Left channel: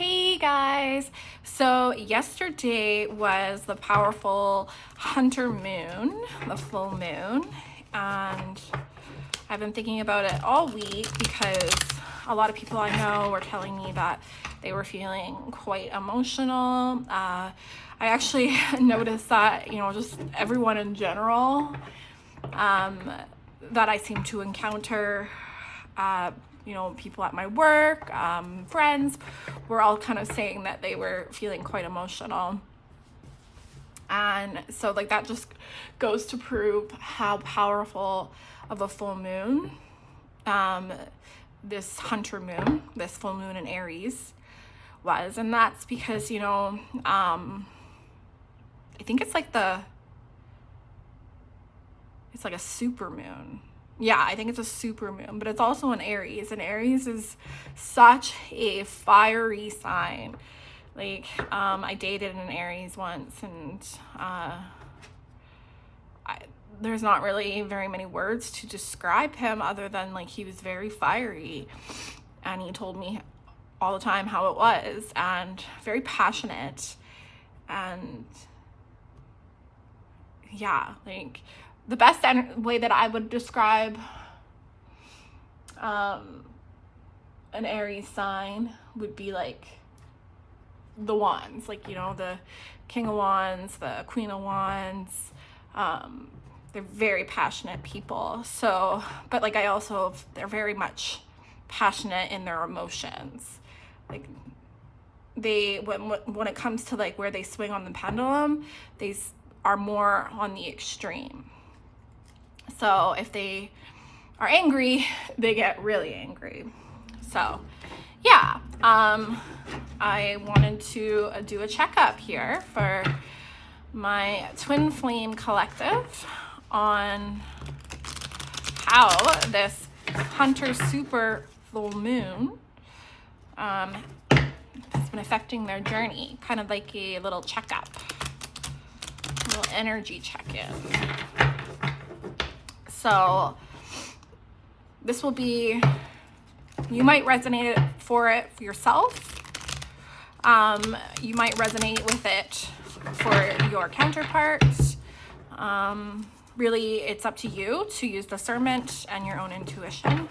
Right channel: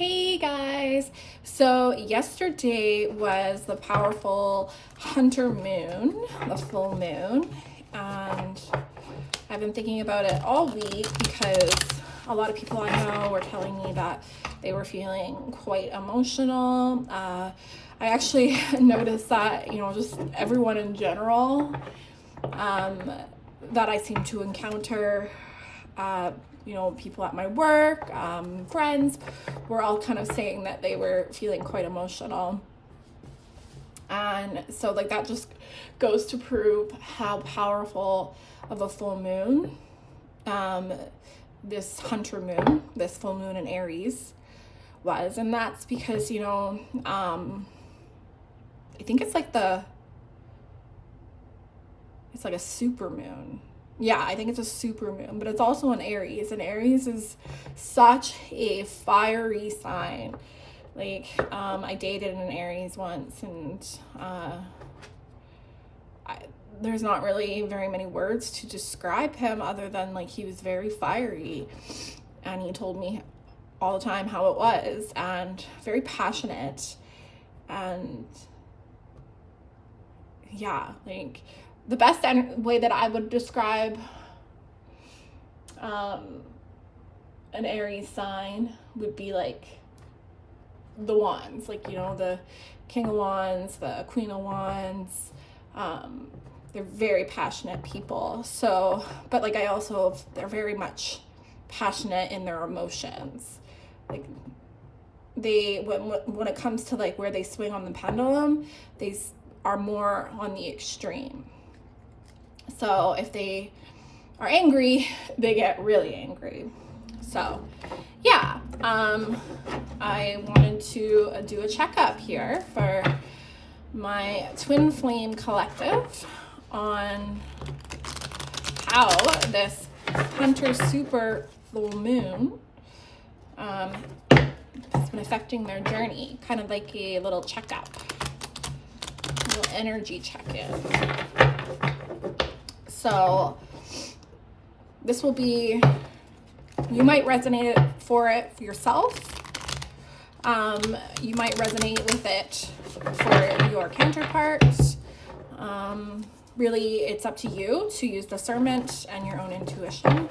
Hey guys! So yesterday was the powerful Hunter moon, the full moon, and I've been thinking about it all week because a lot of people I know were telling me that they were feeling quite emotional. I actually noticed that, just everyone in general that I seem to encounter, people at my work, friends, were all kind of saying that they were feeling quite emotional. And so, that just goes to prove how powerful of a full moon, this Hunter moon, this full moon in Aries was. And that's because, I think it's like a super moon. Yeah, I think it's a super moon, but it's also an Aries, and Aries is such a fiery sign. I dated an Aries once, and there's not really very many words to describe him other than he was very fiery, and he told me all the time how it was, and very passionate, and yeah, the best way that I would describe an Aries sign would be the wands, the King of Wands, the Queen of Wands. They're very passionate people. So, but they're very much passionate in their emotions. When it comes to where they swing on the pendulum, they are more on the extreme. So if they are angry, they get really angry. So yeah, I wanted to do a checkup here for my Twin Flame Collective on how this Hunter super full moon has been affecting their journey, kind of like a little checkup, a little energy check-in. So this will be, you might resonate for yourself. You might resonate with it for your counterparts. Really, it's up to you to use discernment and your own intuition.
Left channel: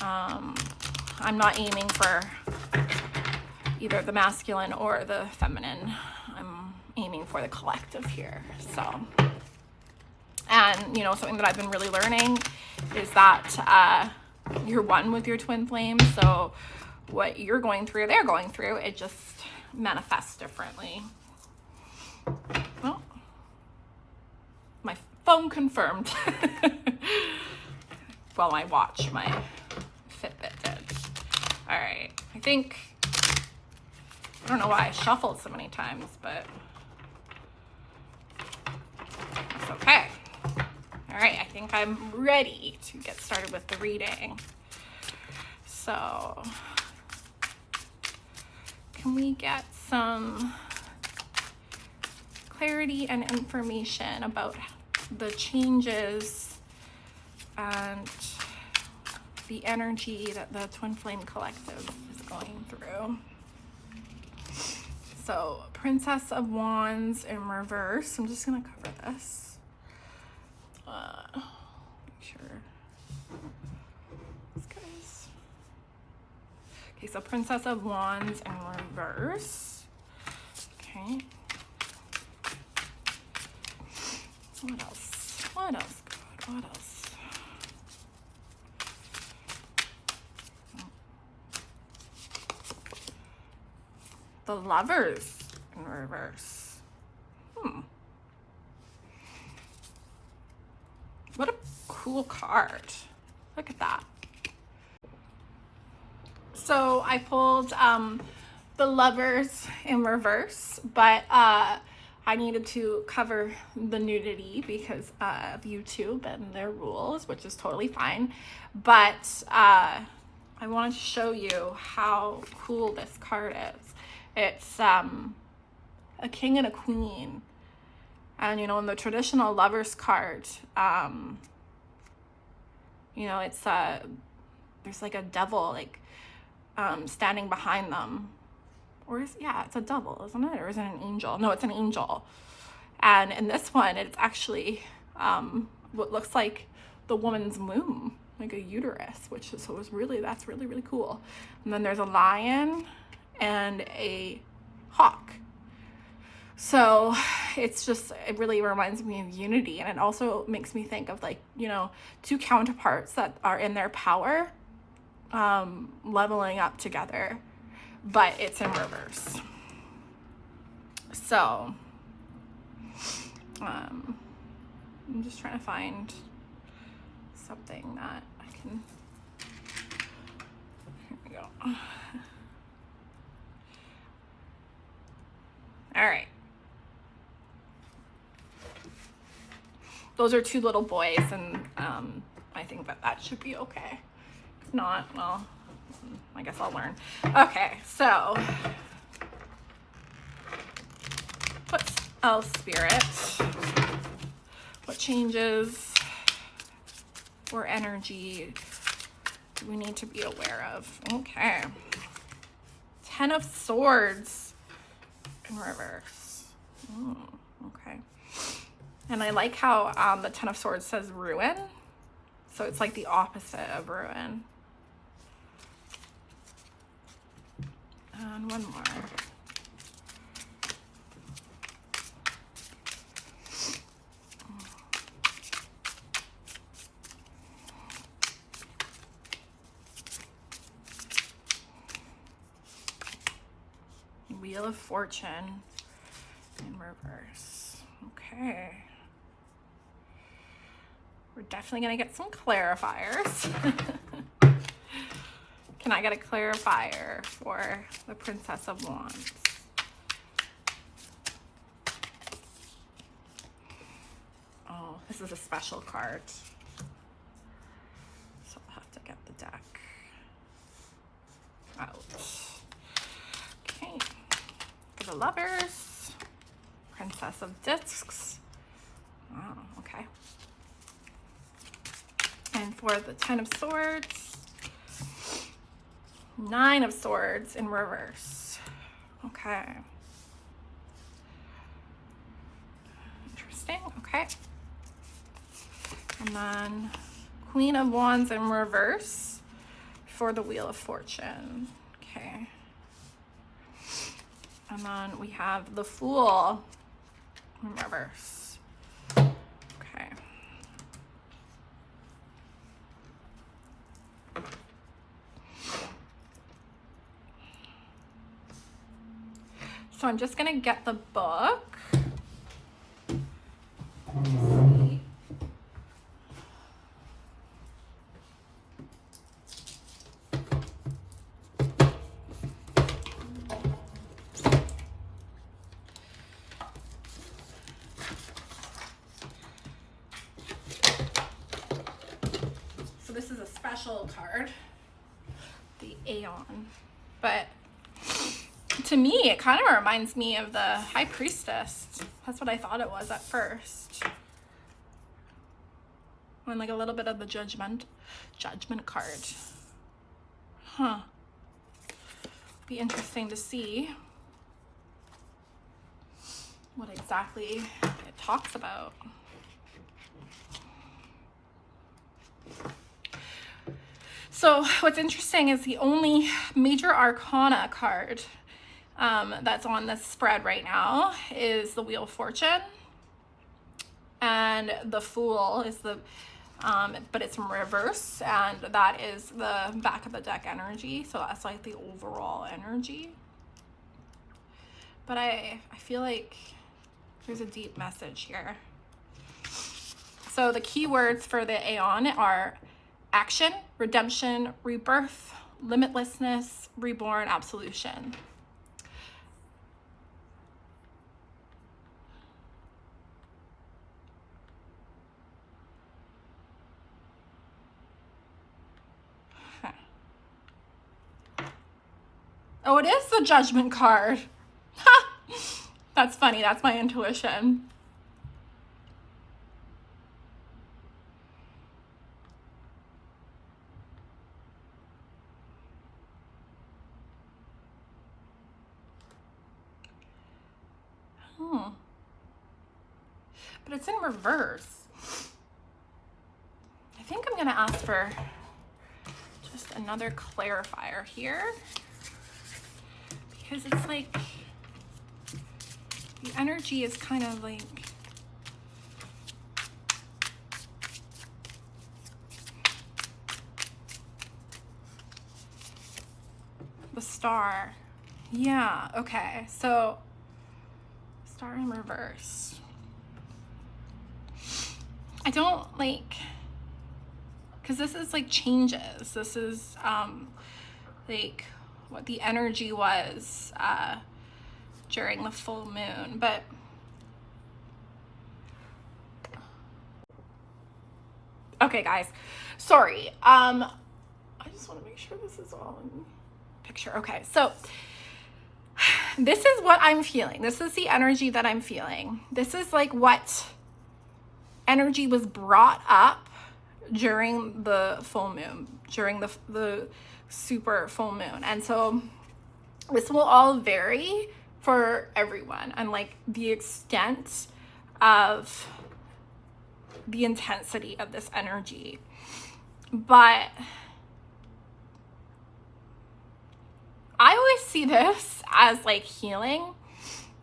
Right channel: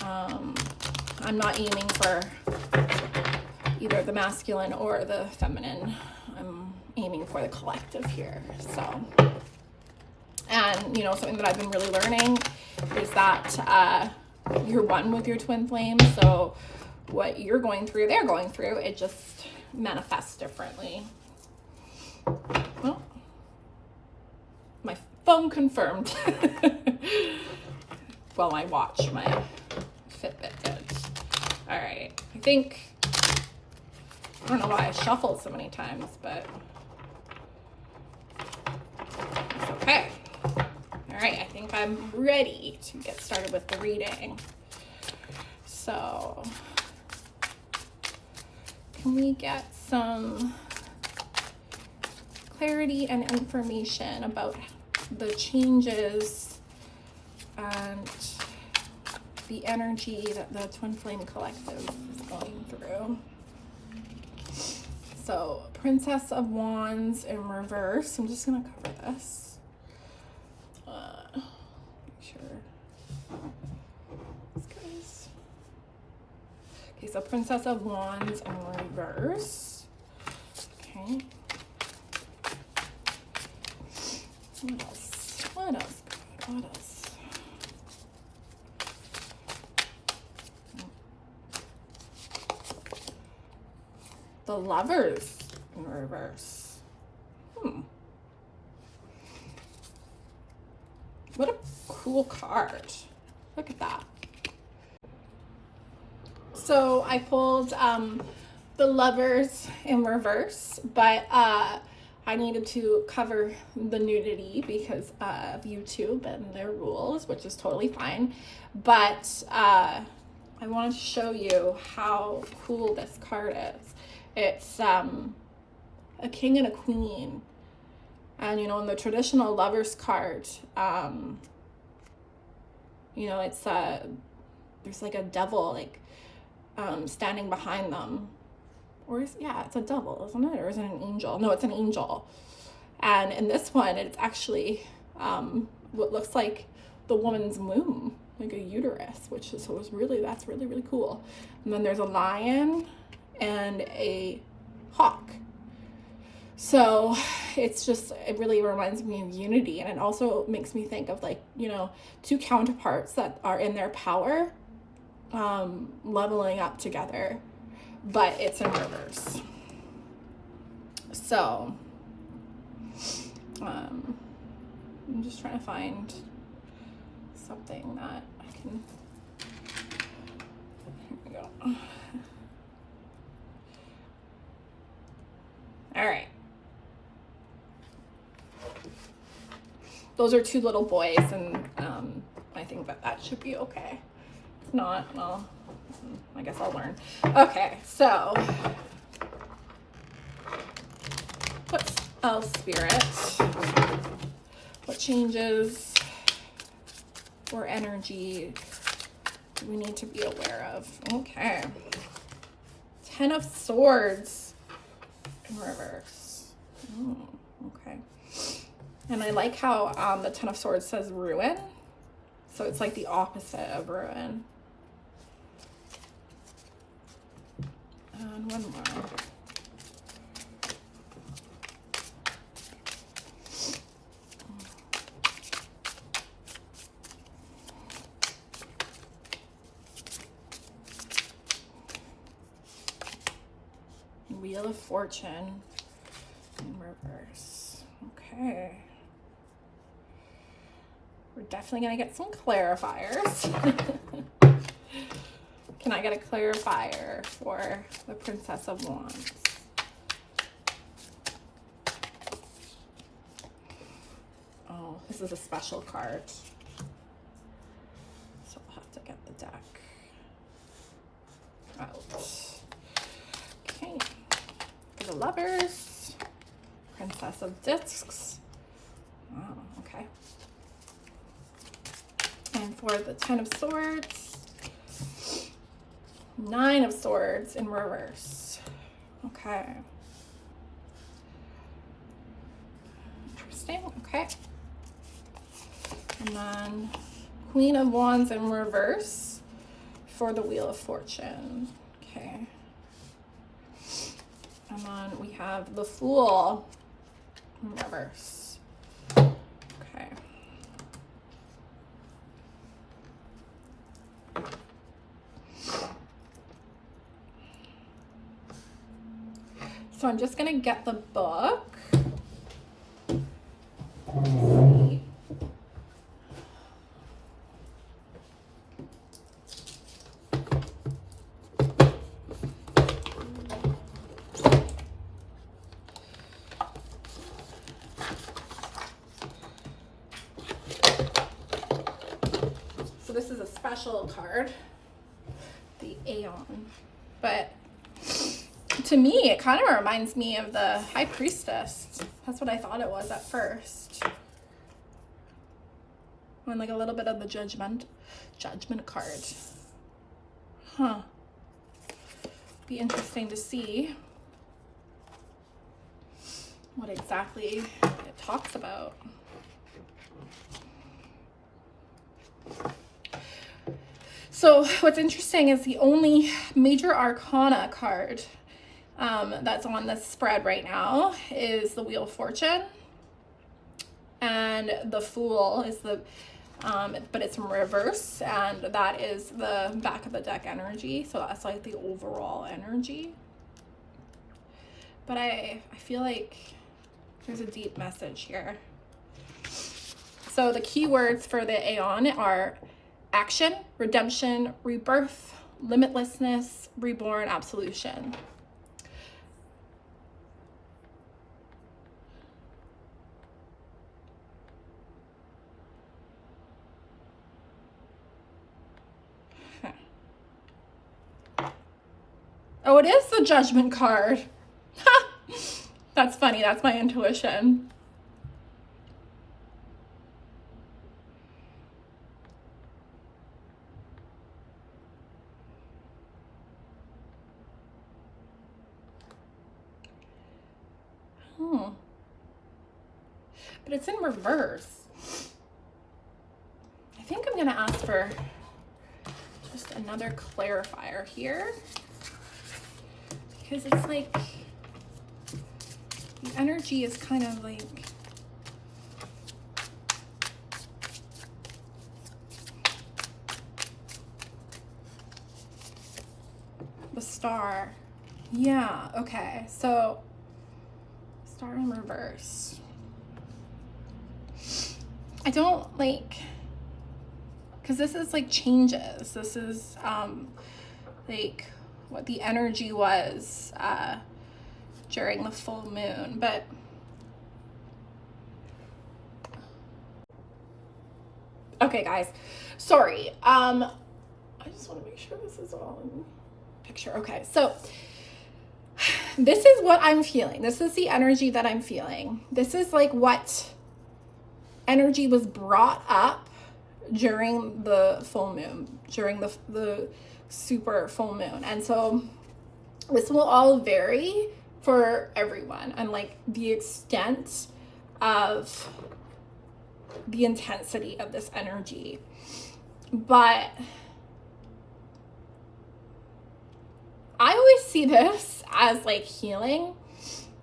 I'm not aiming for either the masculine or the feminine. I'm aiming for the collective here. So, and something that I've been really learning is that you're one with your twin flame. So what you're going through, they're going through, it just manifests differently. Oh, my phone confirmed. Well, my watch, my Fitbit did. All right, I don't know why I shuffled so many times, but it's okay. All right, I think I'm ready to get started with the reading. So, can we get some clarity and information about the changes and the energy that the Twin Flame Collective is going through? So, Princess of Wands in reverse. I'm just gonna cover this. Okay, so Princess of Wands in reverse. Okay. What else? What else? What else? The Lovers in reverse. What a cool card. Look at that. So I pulled the Lovers in reverse, but I needed to cover the nudity because of YouTube and their rules, which is totally fine. But I wanted to show you how cool this card is. It's a king and a queen. And, in the traditional Lovers card, it's there's a devil, standing behind them. Or it's a devil, isn't it? Or is it an angel? No, it's an angel. And in this one, it's actually what looks like the woman's womb, like a uterus, that's really, really cool. And then there's a lion and a hawk. So it really reminds me of unity. And it also makes me think of, like, you know, two counterparts that are in their power, leveling up together, but it's in reverse. So I'm just trying to find something that I can, here we go. All right. Those are two little boys, and I think that should be okay. If not, well, I guess I'll learn. Okay, so Spirit, what changes or energy do we need to be aware of? Okay. 10 of Swords in reverse. Okay. And I like how the 10 of Swords says ruin. So it's like the opposite of ruin. And one more. Wheel of Fortune in reverse. Okay. We're definitely going to get some clarifiers. Can I get a clarifier for the Princess of Wands? Oh, this is a special card. So I'll have to get the deck out. Okay. For the Lovers, Princess of Discs. Oh, okay. And for the 10 of Swords, 9 of Swords in reverse. Okay. Interesting. Okay. And then Queen of Wands in reverse for the Wheel of Fortune. Okay. And then we have the Fool in reverse. Okay. So I'm just gonna get the book. So this is a special card, the Aeon, but to me, it kind of reminds me of the High Priestess. That's what I thought it was at first. And like a little bit of the Judgment card. Huh. Be interesting to see what exactly it talks about. So what's interesting is the only major arcana card that's on the spread right now is the Wheel of Fortune, and the Fool is the but it's in reverse, and that is the back of the deck energy, so that's like the overall energy. But I feel like there's a deep message here. So the keywords for the Aeon are action, redemption, rebirth, limitlessness, reborn, absolution. Oh, it is the Judgment card. That's funny. That's my intuition. But it's in reverse. I think I'm gonna ask for just another clarifier here, because it's like the energy is kind of like the star. Yeah, okay. So star in reverse. I don't like, because this is like changes. This is like what the energy was during the full moon. But okay, guys, sorry. I just want to make sure this is all in picture. Okay, so this is what I'm feeling. This is the energy that I'm feeling. This is like what energy was brought up during the full moon, during the super full moon. And so this will all vary for everyone, and like the extent of the intensity of this energy. But I always see this as like healing,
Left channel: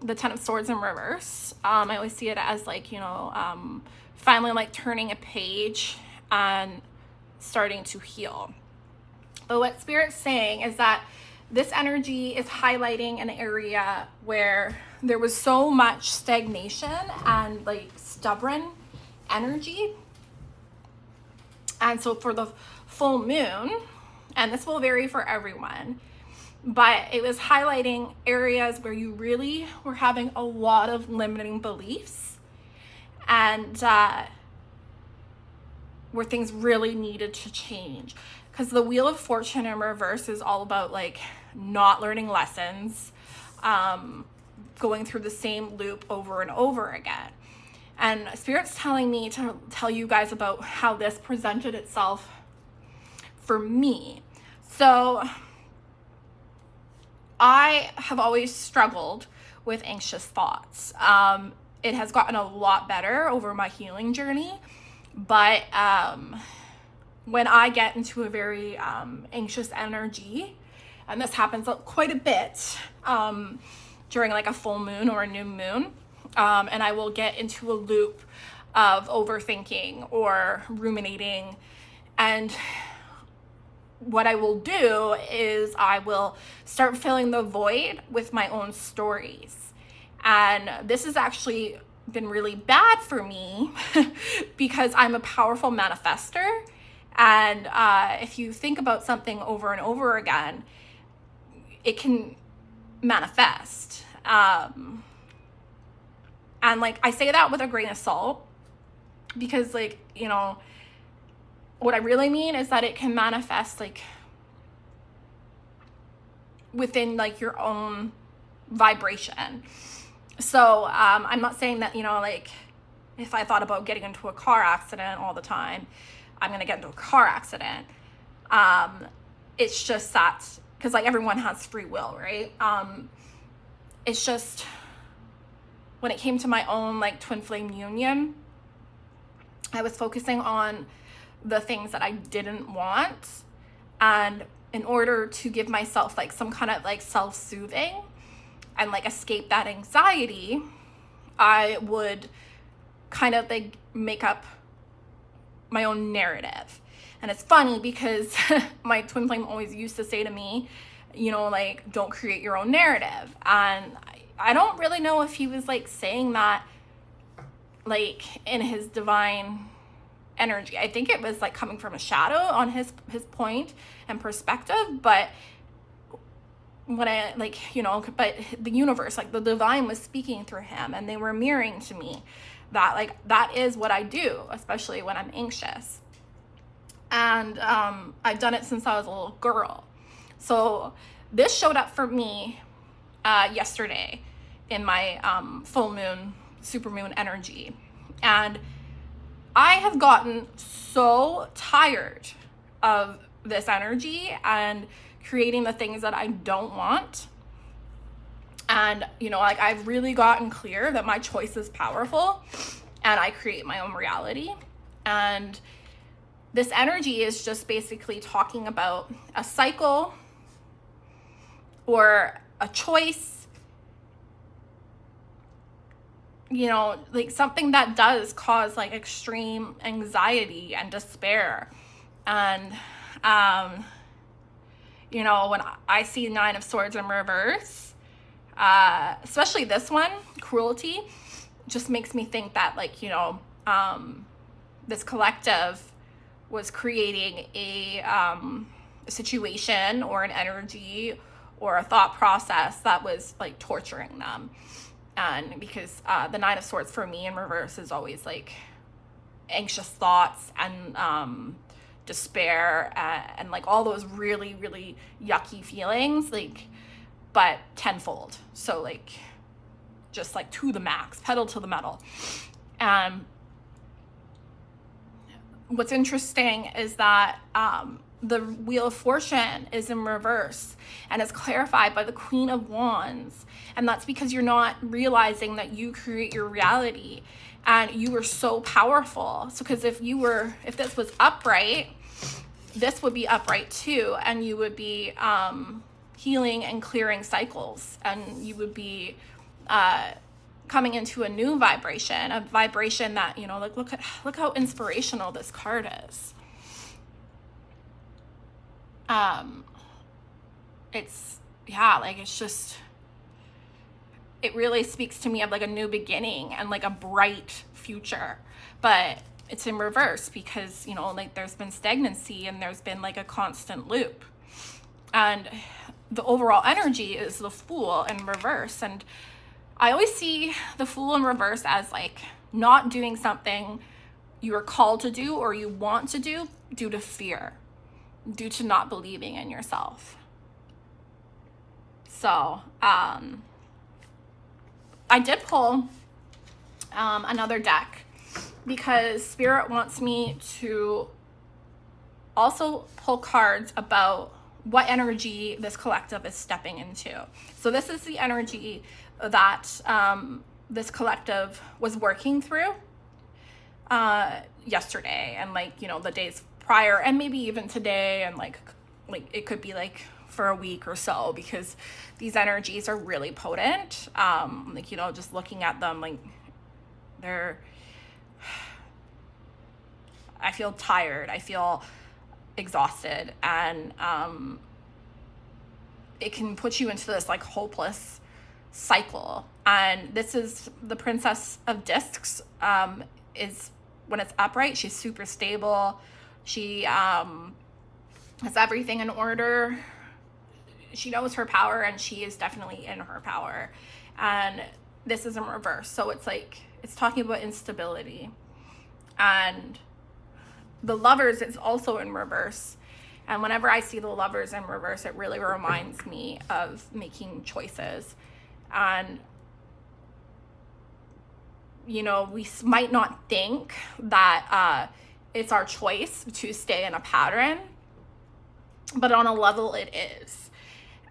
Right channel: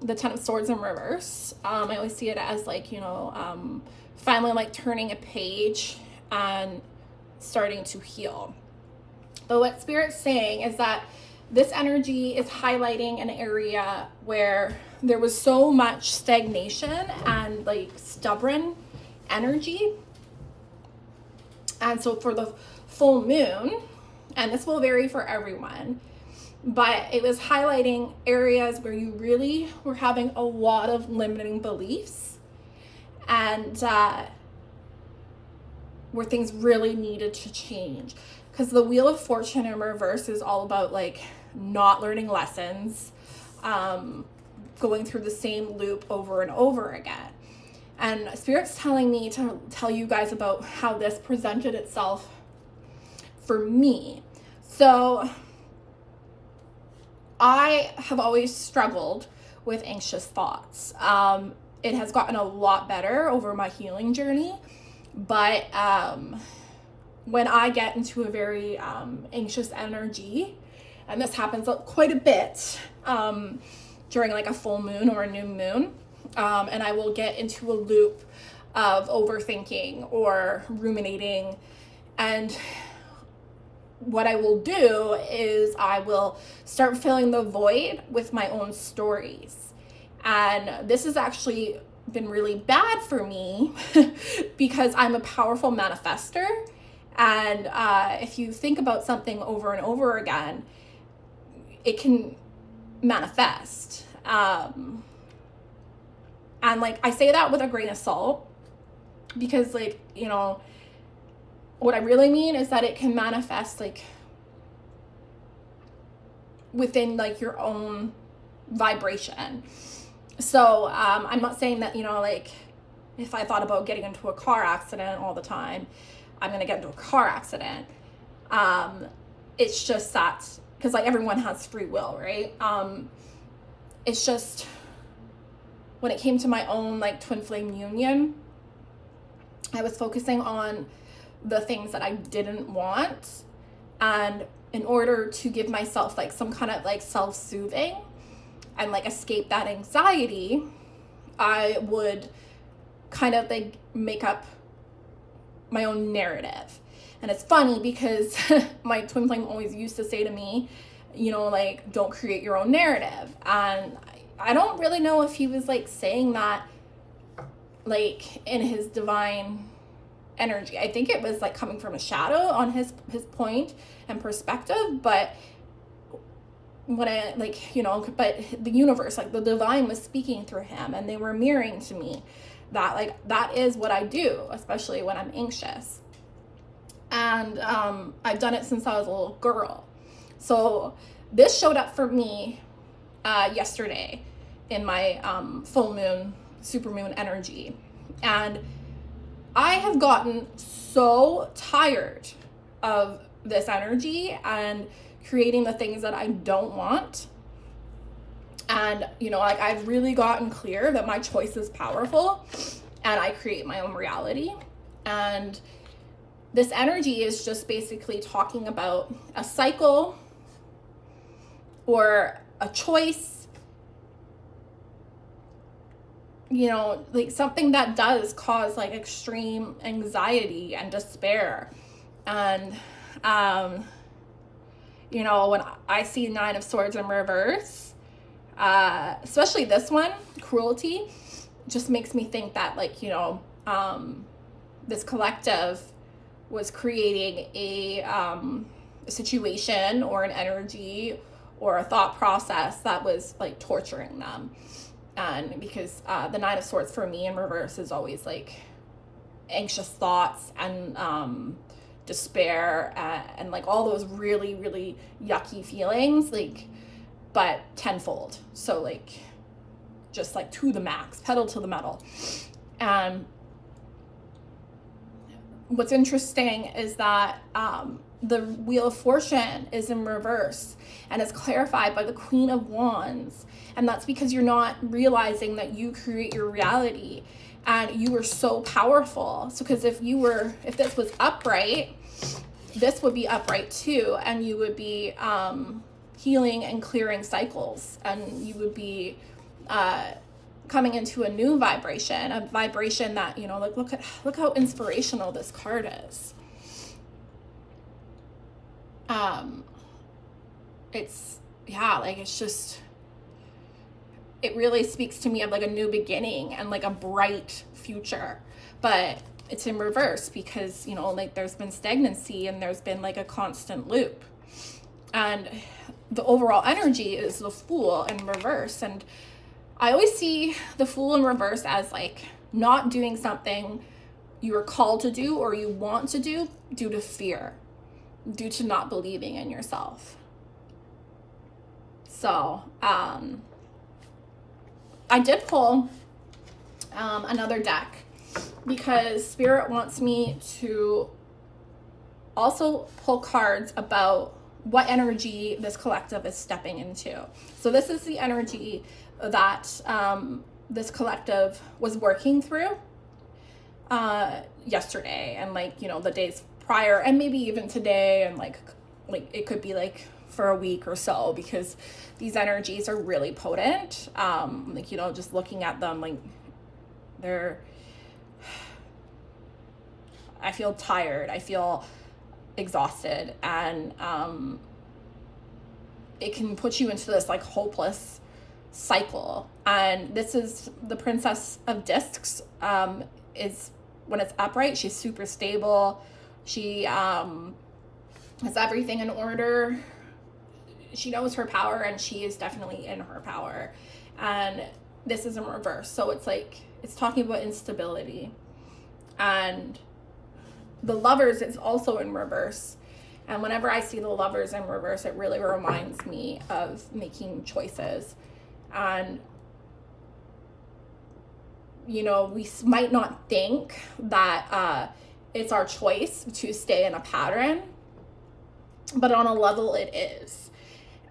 the Ten of Swords in reverse. I always see it as like, you know, finally like turning a page and starting to heal. But what Spirit's saying is that this energy is highlighting an area where there was so much stagnation and like stubborn energy. And so for the full moon, and this will vary for everyone, but it was highlighting areas where you really were having a lot of limiting beliefs, and where things really needed to change. Because the Wheel of Fortune in reverse is all about like not learning lessons, going through the same loop over and over again. And Spirit's telling me to tell you guys about how this presented itself for me. So I have always struggled with anxious thoughts. It has gotten a lot better over my healing journey, but when I get into a very anxious energy, and this happens quite a bit during like a full moon or a new moon, and I will get into a loop of overthinking or ruminating, and what I will do is I will start filling the void with my own stories. And this has actually been really bad for me because I'm a powerful manifester. And if you think about something over and over again, it can manifest. And like, I say that with a grain of salt because, like, you know, what I really mean is that it can manifest like within like your own vibration. So I'm not saying that, you know, like if I thought about getting into a car accident all the time, I'm gonna get into a car accident. It's just that because like everyone has free will, right? It's just when it came to my own like twin flame union, I was focusing on the things that I didn't want, and in order to give myself like some kind of like self-soothing and like escape that anxiety, I would kind of like make up my own narrative. And it's funny because my twin flame always used to say to me, you know, like, don't create your own narrative. And I don't really know if he was like saying that like in his divine energy. I think it was like coming from a shadow on his point and perspective, but when I like, you know, but the universe, like the divine was speaking through him, and they were mirroring to me that like that is what I do, especially when I'm anxious. And I've done it since I was a little girl. So this showed up for me yesterday in my full moon, super moon energy. And I have gotten so tired of this energy and creating the things that I don't want. And, you know, like I've really gotten clear that my choice is powerful and I create my own reality. And this energy is just basically talking about a cycle or a choice, you know, like something that does cause like extreme anxiety and despair. And, you know, when I see Nine of Swords in reverse, especially this one, cruelty, just makes me think that, like, you know, this collective was creating a situation or an energy or a thought process that was like torturing them. And because the Nine of Swords for me in reverse is always like anxious thoughts and despair and like all those really, really yucky feelings, like, but tenfold. So like just like to the max, pedal to the metal. What's interesting is that the Wheel of Fortune is in reverse and is clarified by the Queen of Wands. And that's because you're not realizing that you create your reality and you are so powerful. So because if this was upright, this would be upright too, and you would be healing and clearing cycles, and you would be coming into a new vibration, a vibration that, you know, like look how inspirational this card is. It's, yeah, like it's just, it really speaks to me of like a new beginning and like a bright future. But it's in reverse because, you know, like there's been stagnancy and there's been like a constant loop. And the overall energy is the Fool in reverse. And I always see the Fool in reverse as like not doing something you are called to do or you want to do due to fear, due to not believing in yourself. So I did pull another deck because Spirit wants me to also pull cards about what energy this collective is stepping into. So this is the energy that this collective was working through yesterday and like, you know, the days prior and maybe even today, and like it could be like for a week or so, because these energies are really potent. Like, you know, just looking at them, like I feel tired, I feel exhausted, and it can put you into this like hopeless cycle. And this is the Princess of Discs. Is when it's upright, she's super stable. She has everything in order. She knows her power, and she is definitely in her power. And this is in reverse, so it's like it's talking about instability. And the Lovers is also in reverse. And whenever I see the Lovers in reverse, it really reminds me of making choices. And, you know, we might not think that it's our choice to stay in a pattern, but on a level it is.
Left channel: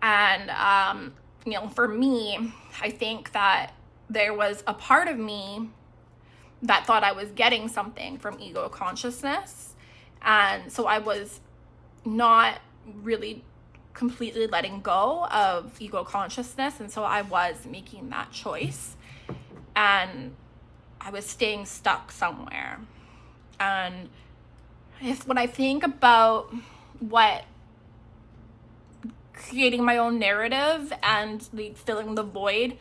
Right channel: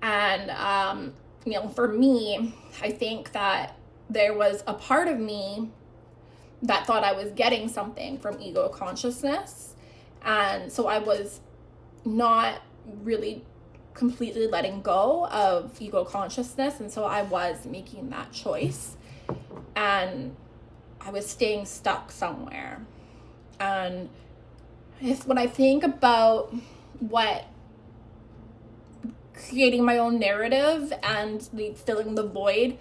And, you know, for me, I think that there was a part of me that thought I was getting something from ego consciousness. And so I was not really completely letting go of ego consciousness. And so I was making that choice. And I was staying stuck somewhere. And when I think about what creating my own narrative and like filling the void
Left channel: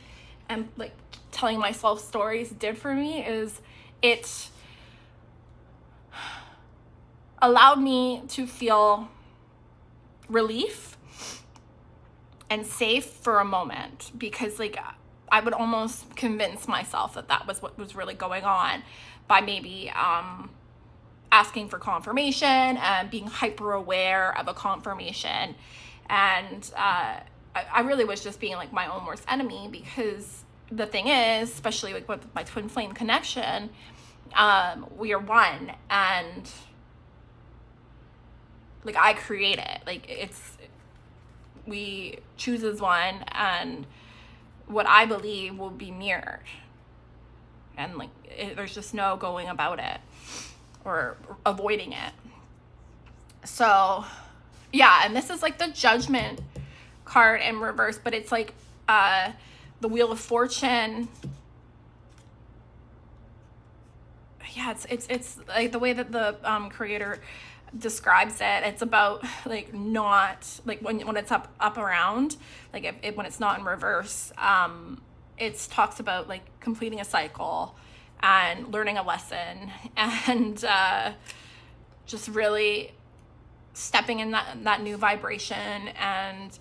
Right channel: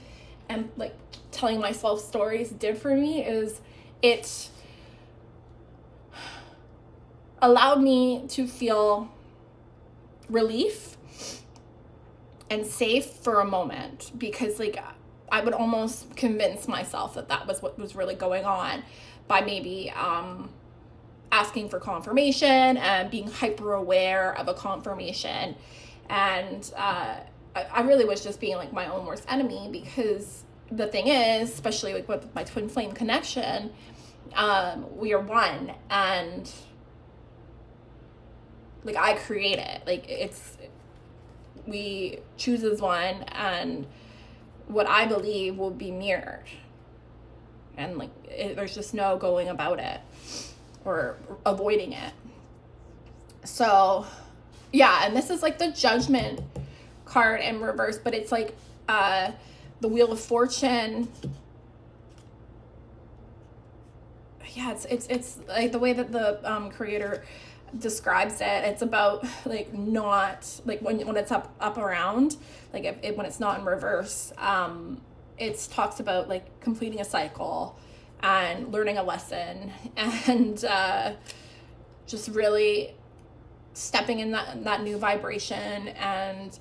and like telling myself stories did for me, is it allowed me to feel relief and safe for a moment, because like I would almost convince myself that that was what was really going on by maybe asking for confirmation and being hyper aware of a confirmation. And I really was just being like my own worst enemy, because the thing is, especially like with my twin flame connection, we are one, and like I create it. Like we choose as one, and what I believe will be mirrored. And like, there's just no going about it or avoiding it. So yeah, and this is like the Judgment card in reverse, but it's like the Wheel of Fortune. Yeah, it's like the way that the creator describes it. It's about like not like when it's up around, like when it's not in reverse. It talks about like completing a cycle and learning a lesson and just really stepping in that new vibration and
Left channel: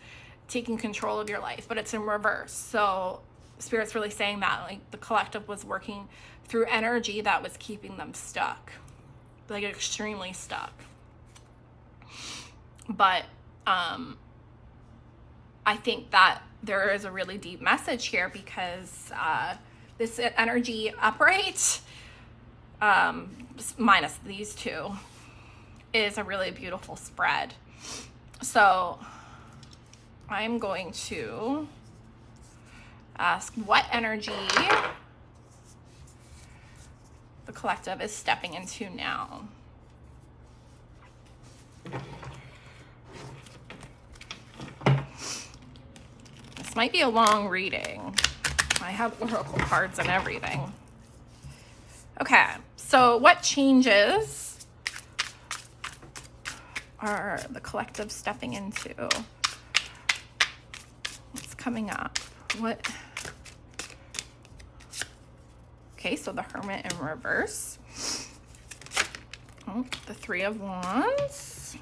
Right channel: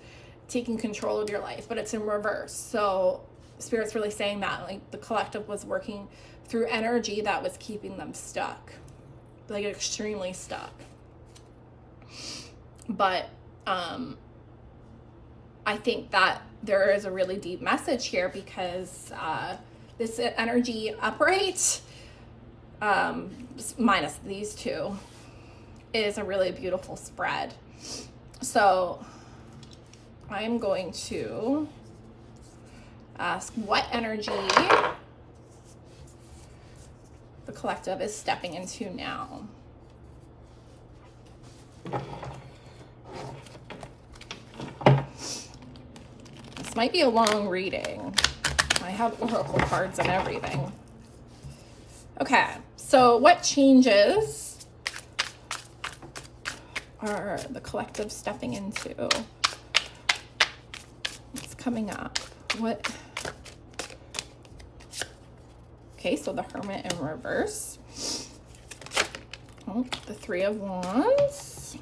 taking control of your life, but it's in reverse. So Spirit's really saying that like the collective was working through energy that was keeping them stuck, like extremely stuck. But I think that there is a really deep message here because this energy upright, minus these two, is a really beautiful spread. So I'm going to ask what energy the collective is stepping into now. This might be a long reading. I have oracle cards and everything. Okay, so what changes are the collective stepping into? What's coming up? What? Okay, so the Hermit in reverse. Oh, the Three of Wands.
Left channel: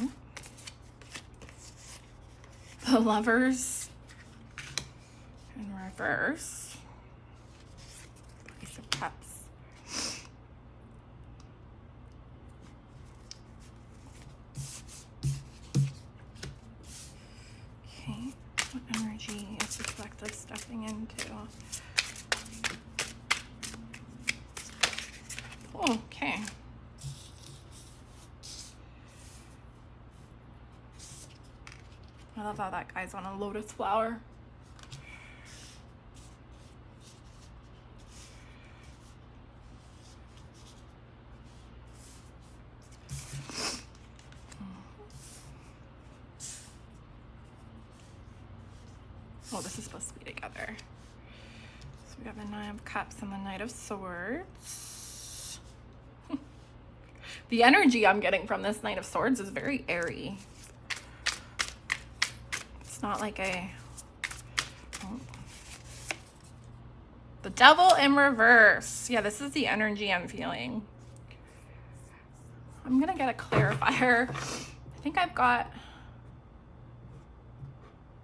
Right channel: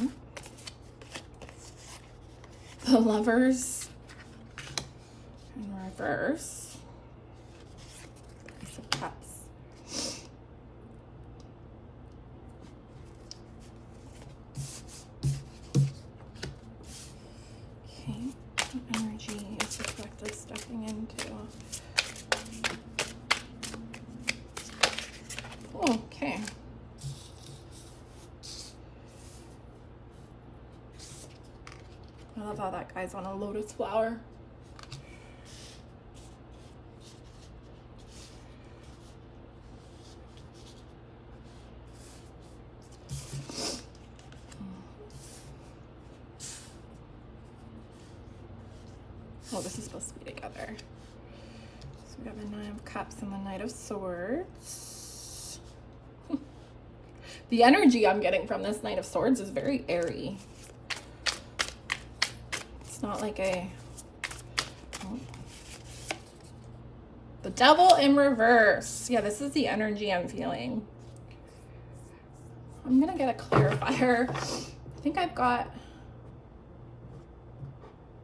Oh. The Lovers in reverse. Ace of Cups. Okay, what energy is the collective stepping into? Oh, okay. I love how that guy's on a lotus flower. Oh, this is supposed to be together. So we got the Nine of Cups and the Knight of Swords. The energy I'm getting from this Knight of Swords is very airy. It's not like a... Oh. The Devil in reverse. Yeah, this is the energy I'm feeling. I'm gonna get a clarifier. I think I've got...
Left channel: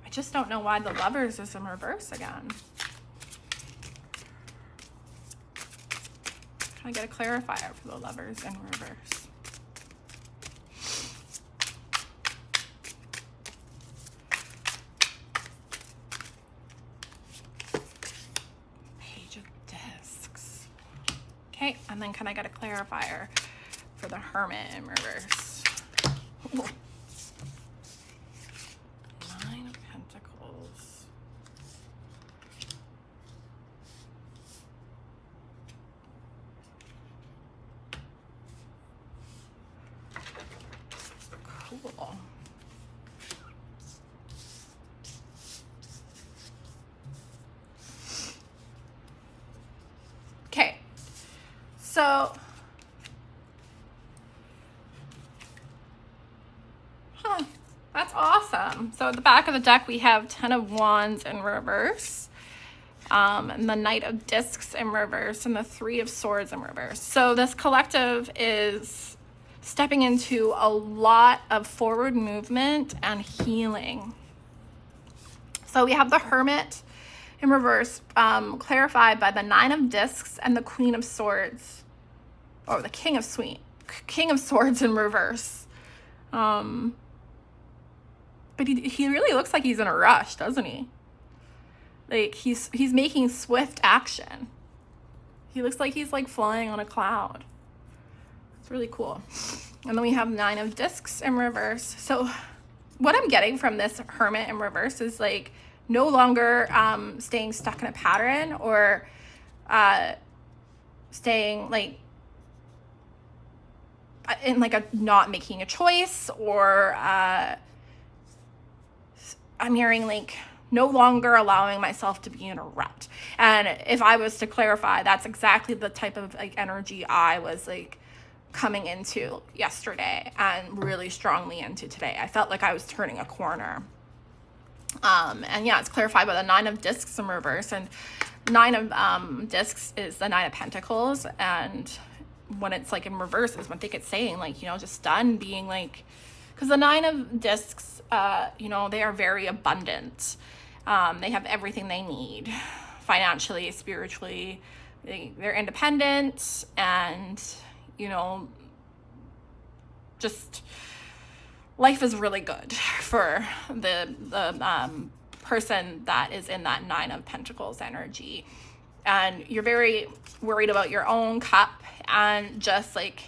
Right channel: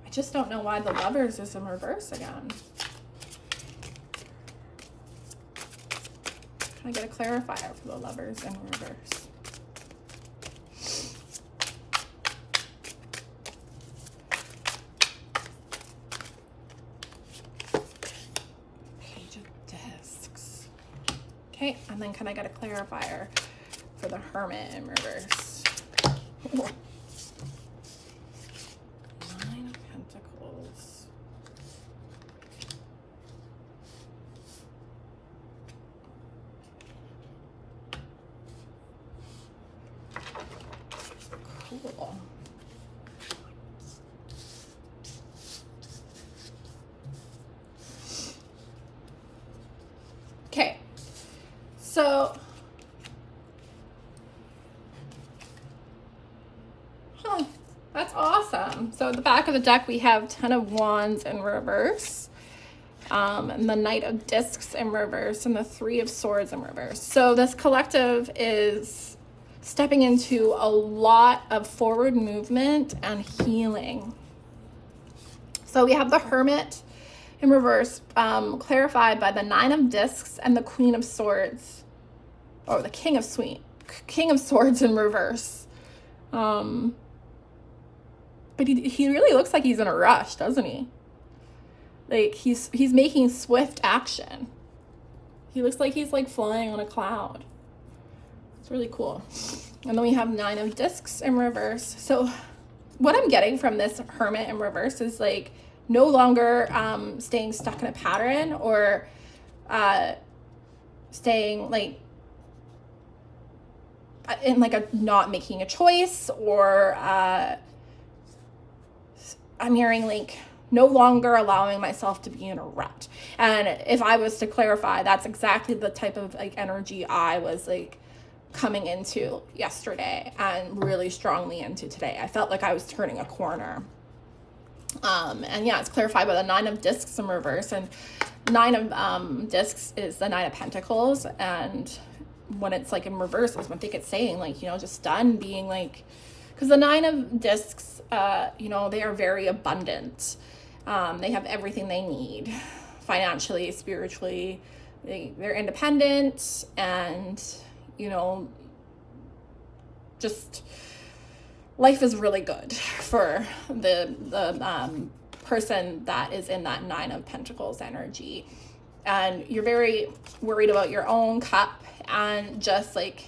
I just don't know why the Lovers is in reverse again. Can I get a clarifier for the Lovers in reverse? Page of Discs. Okay, and then can I get a clarifier for the Hermit in reverse? Ooh. Nine of Pentacles. Cool. Okay, so that's awesome. So at the back of the deck we have Ten of Wands in reverse, and the Knight of Discs in reverse, and the Three of Swords in reverse. So this collective is stepping into a lot of forward movement and healing. So we have the Hermit in reverse, clarified by the Nine of Discs and the Queen of Swords, or the King of Swords in reverse. But he really looks like he's in a rush, doesn't he? Like he's making swift action. He looks like he's like flying on a cloud. It's really cool. And then we have 9 of Discs in reverse. So what I'm getting from this Hermit in reverse is like no longer staying stuck in a pattern or staying like in like a not making a choice, or I'm hearing like no longer allowing myself to be in a rut. And if I was to clarify, that's exactly the type of like energy I was like coming into yesterday and really strongly into today. I felt like I was turning a corner. And yeah, it's clarified by the 9 of Discs in reverse, and 9 of Discs is the 9 of Pentacles. And when it's like in reverse is when I think it's saying like, you know, just done being like, because the 9 of Discs, you know, they are very abundant. They have everything they need financially, spiritually. They're independent, and, you know, just life is really good for the person that is in that 9 of Pentacles energy. And you're very worried about your own cup and just like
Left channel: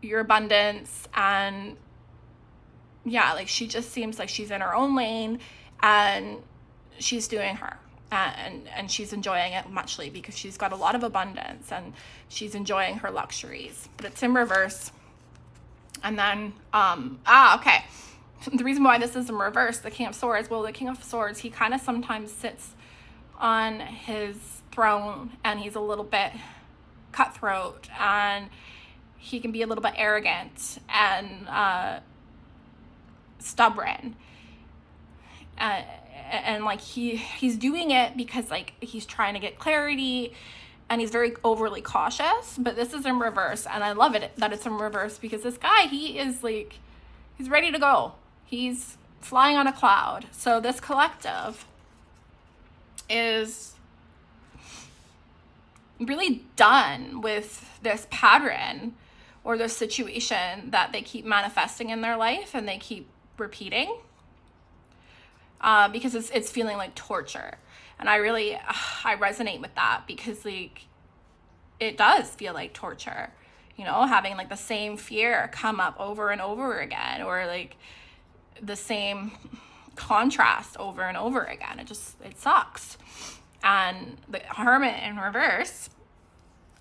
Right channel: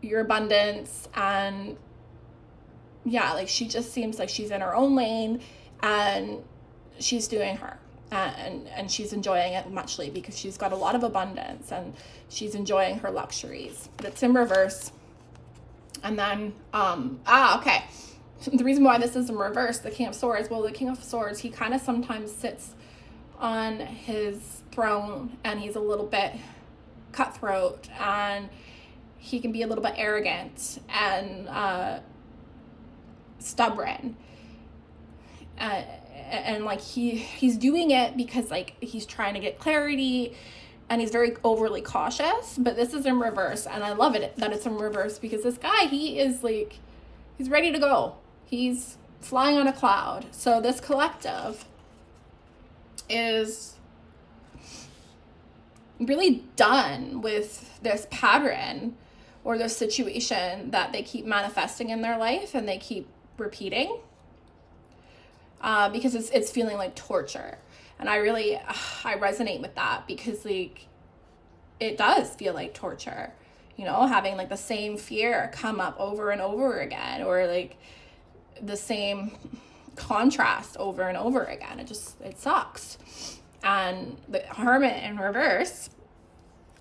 your abundance. And yeah, like she just seems like she's in her own lane and she's doing her, and she's enjoying it muchly because she's got a lot of abundance and she's enjoying her luxuries. But it's in reverse. And then okay, the reason why this is in reverse, the King of Swords, well, the King of Swords, he kind of sometimes sits on his throne and he's a little bit cutthroat, and he can be a little bit arrogant and stubborn, and like he's doing it because like he's trying to get clarity, and he's very overly cautious. But this is in reverse, and I love it that it's in reverse, because this guy, he is like, he's ready to go. He's flying on a cloud. So this collective is really done with this pattern or this situation that they keep manifesting in their life and they keep repeating, because it's feeling like torture. And I resonate with that, because like it does feel like torture, you know, having like the same fear come up over and over again, or like the same contrast over and over again. It sucks. And the Hermit in reverse,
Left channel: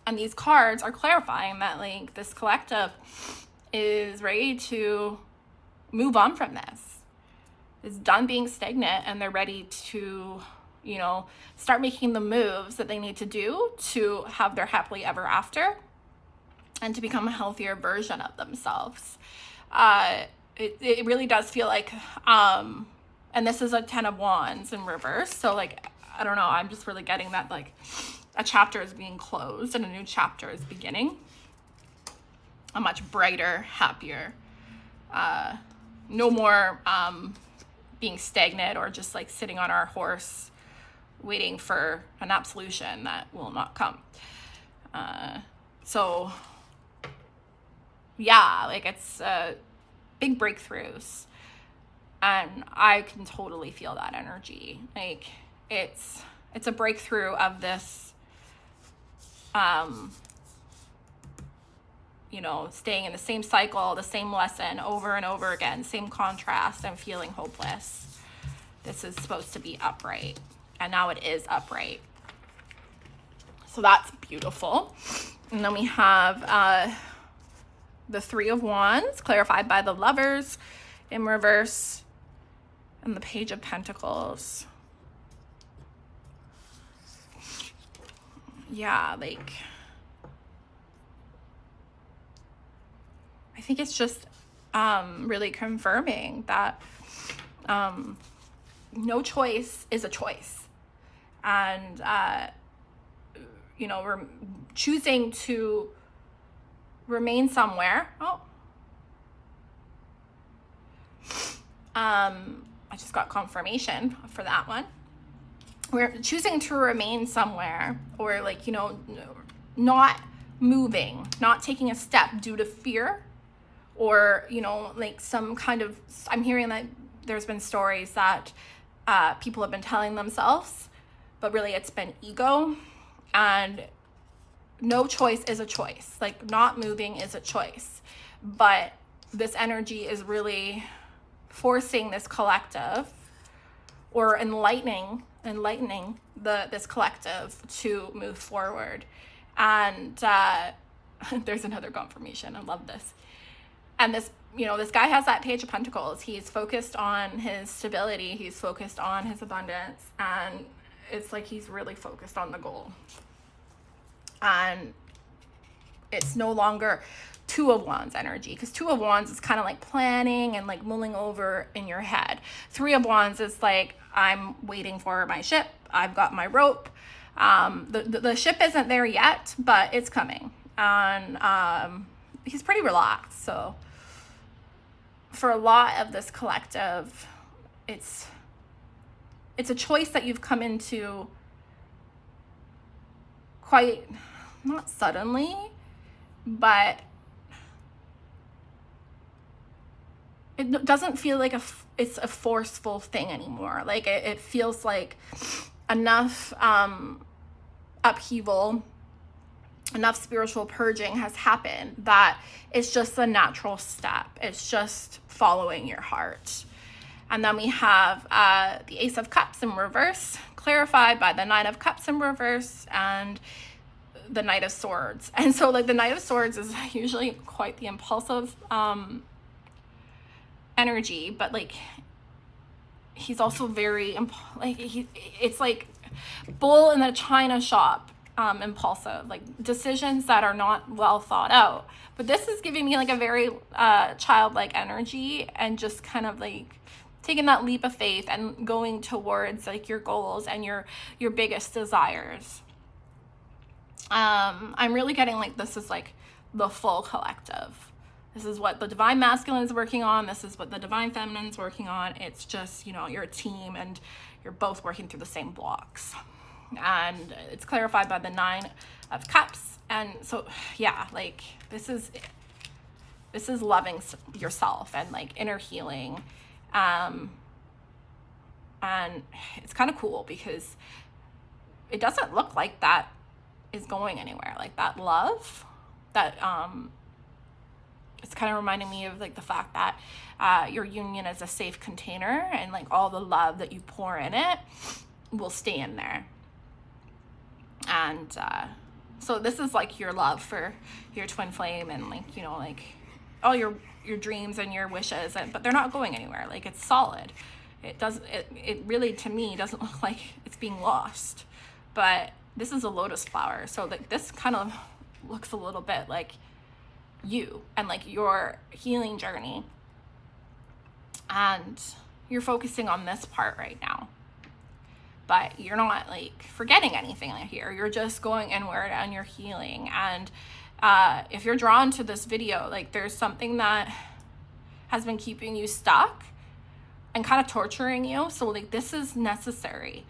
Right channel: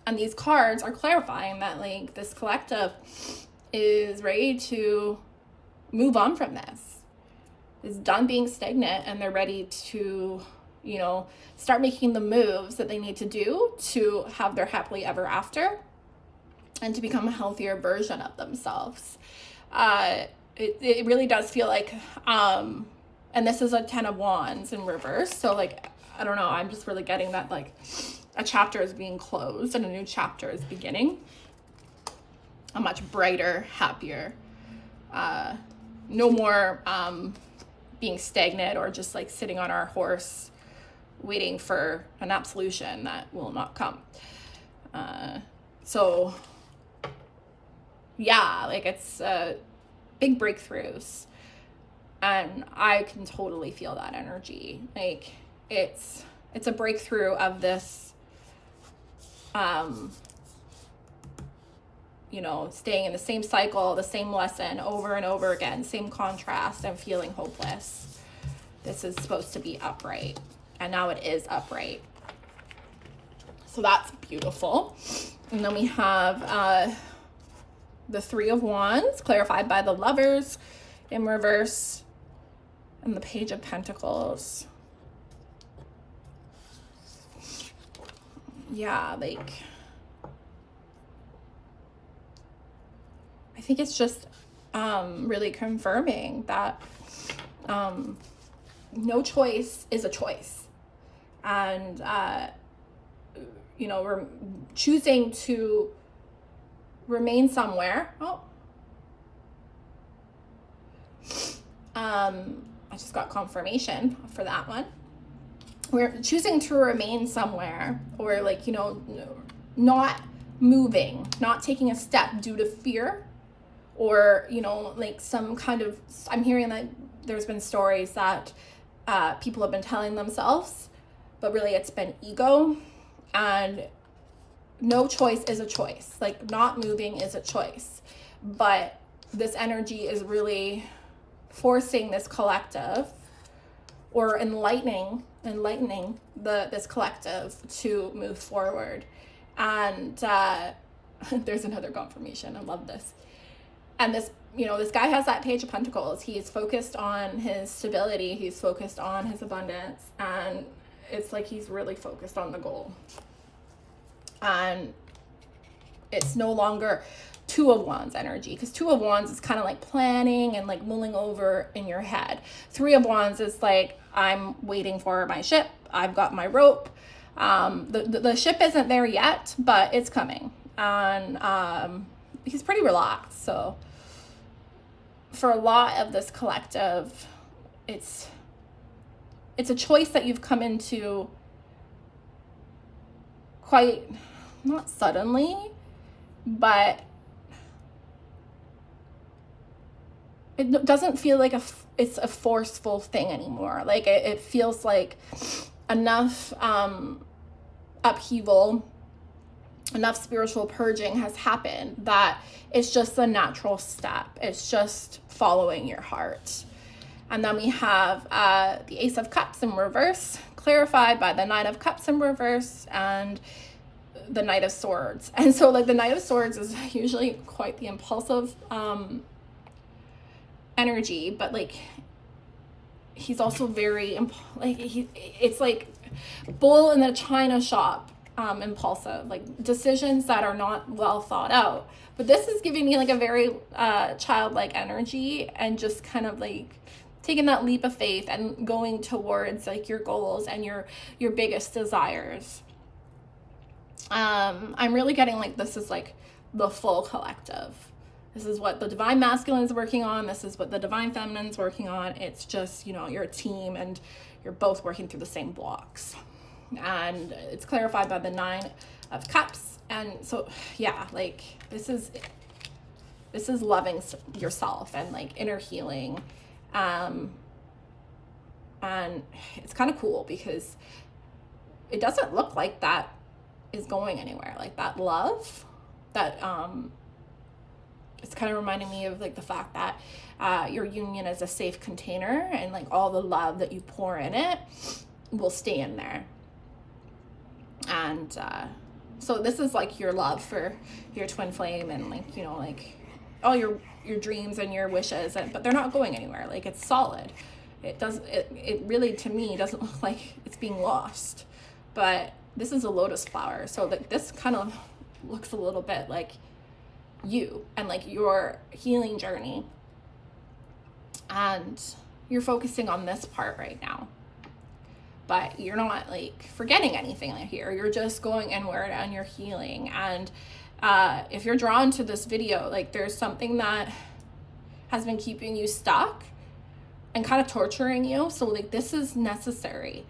and these cards are clarifying that like this collective is ready to move on from this. It's done being stagnant, and they're ready to, you know, start making the moves that they need to do to have their happily ever after and to become a healthier version of themselves. It really does feel like, and this is a 10 of Wands in reverse. So like, I don't know, I'm just really getting that like a chapter is being closed and a new chapter is beginning. A much brighter, happier, no more being stagnant or just like sitting on our horse waiting for an absolution that will not come. So yeah, like it's big breakthroughs, and I can totally feel that energy. Like it's a breakthrough of this, you know, staying in the same cycle, the same lesson over and over again, same contrast, and feeling hopeless. This is supposed to be upright, and now it is upright. So that's beautiful. And then we have the 3 of Wands, clarified by the Lovers in reverse, and the Page of Pentacles. Yeah, like, I think it's just really confirming that no choice is a choice. And, you know, we're choosing to remain somewhere. I just got confirmation for that one. We're choosing to remain somewhere, or like, you know, not moving, not taking a step due to fear, or, you know, like some kind of, I'm hearing that there's been stories that people have been telling themselves, but really it's been ego. And no choice is a choice. Like not moving is a choice. but this energy is really forcing this collective, or enlightening this collective to move forward. And there's another confirmation. I love this. And this, this guy has that Page of Pentacles. He's focused on his stability. He's focused on his abundance. And it's like he's really focused on the goal. And it's no longer Two of Wands energy, because Two of Wands is kind of like planning and like mulling over in your head. Three of Wands is like, I'm waiting for my ship. I've got my rope. The ship isn't there yet, but it's coming. And he's pretty relaxed. So for a lot of this collective, it's a choice that you've come into quite, not suddenly, but it doesn't feel like it's a forceful thing anymore. Like it feels like enough upheaval, enough spiritual purging has happened that it's just the natural step. It's just following your heart. And then we have the Ace of Cups in reverse, clarified by the Nine of Cups in reverse, and the Knight of Swords. And so like the Knight of Swords is usually quite the impulsive energy, but like he's also very it's like bull in the china shop, impulsive, like decisions that are not well thought out. But this is giving me like a very childlike energy, and just kind of like taking that leap of faith and going towards like your goals and your biggest desires. I'm really getting like this is like the full collective. This is what the Divine Masculine is working on. This is what the Divine Feminine is working on. It's just, you're a team and you're both working through the same blocks. And it's clarified by the Nine of Cups. And so, yeah, like this is loving yourself and like inner healing. And it's kind of cool because it doesn't look like that is going anywhere. Like that love, that it's kind of reminding me of like the fact that your union is a safe container, and like all the love that you pour in it will stay in there. And so this is like your love for your twin flame, and like like all your dreams and your wishes, but they're not going anywhere. Like it's solid. It really, to me, doesn't look like it's being lost. But this is a lotus flower, so like this kind of looks a little bit like you and like your healing journey, and you're focusing on this part right now, but you're not like forgetting anything here. You're just going inward and you're healing. And if you're drawn to this video, like there's something that has been keeping you stuck and kind of torturing you. So like this is necessary.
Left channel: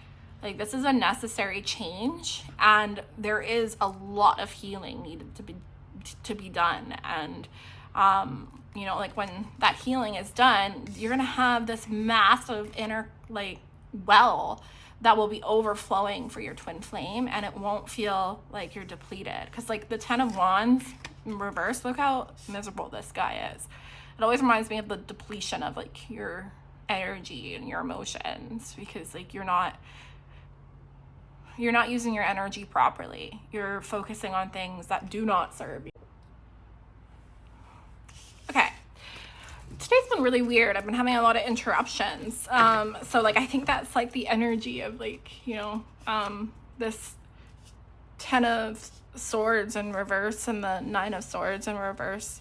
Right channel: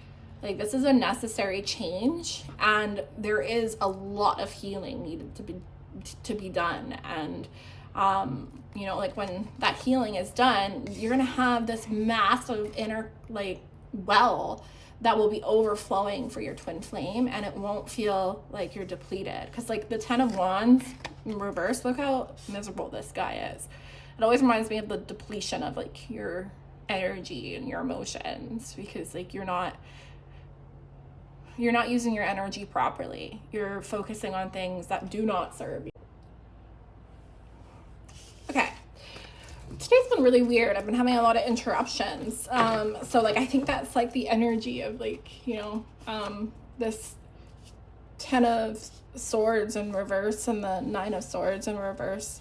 Like this is a necessary change, and there is a lot of healing needed to be done. And like when that healing is done, you're gonna have this massive inner like well that will be overflowing for your twin flame, and it won't feel like you're depleted. Because like the Ten of Wands in reverse, look how miserable this guy is. It always reminds me of the depletion of like your energy and your emotions, because like you're not using your energy properly. You're focusing on things that do not serve you. Okay. Today's been really weird. I've been having a lot of interruptions. So like I think that's like the energy of like, this Ten of Swords in reverse and the Nine of Swords in reverse.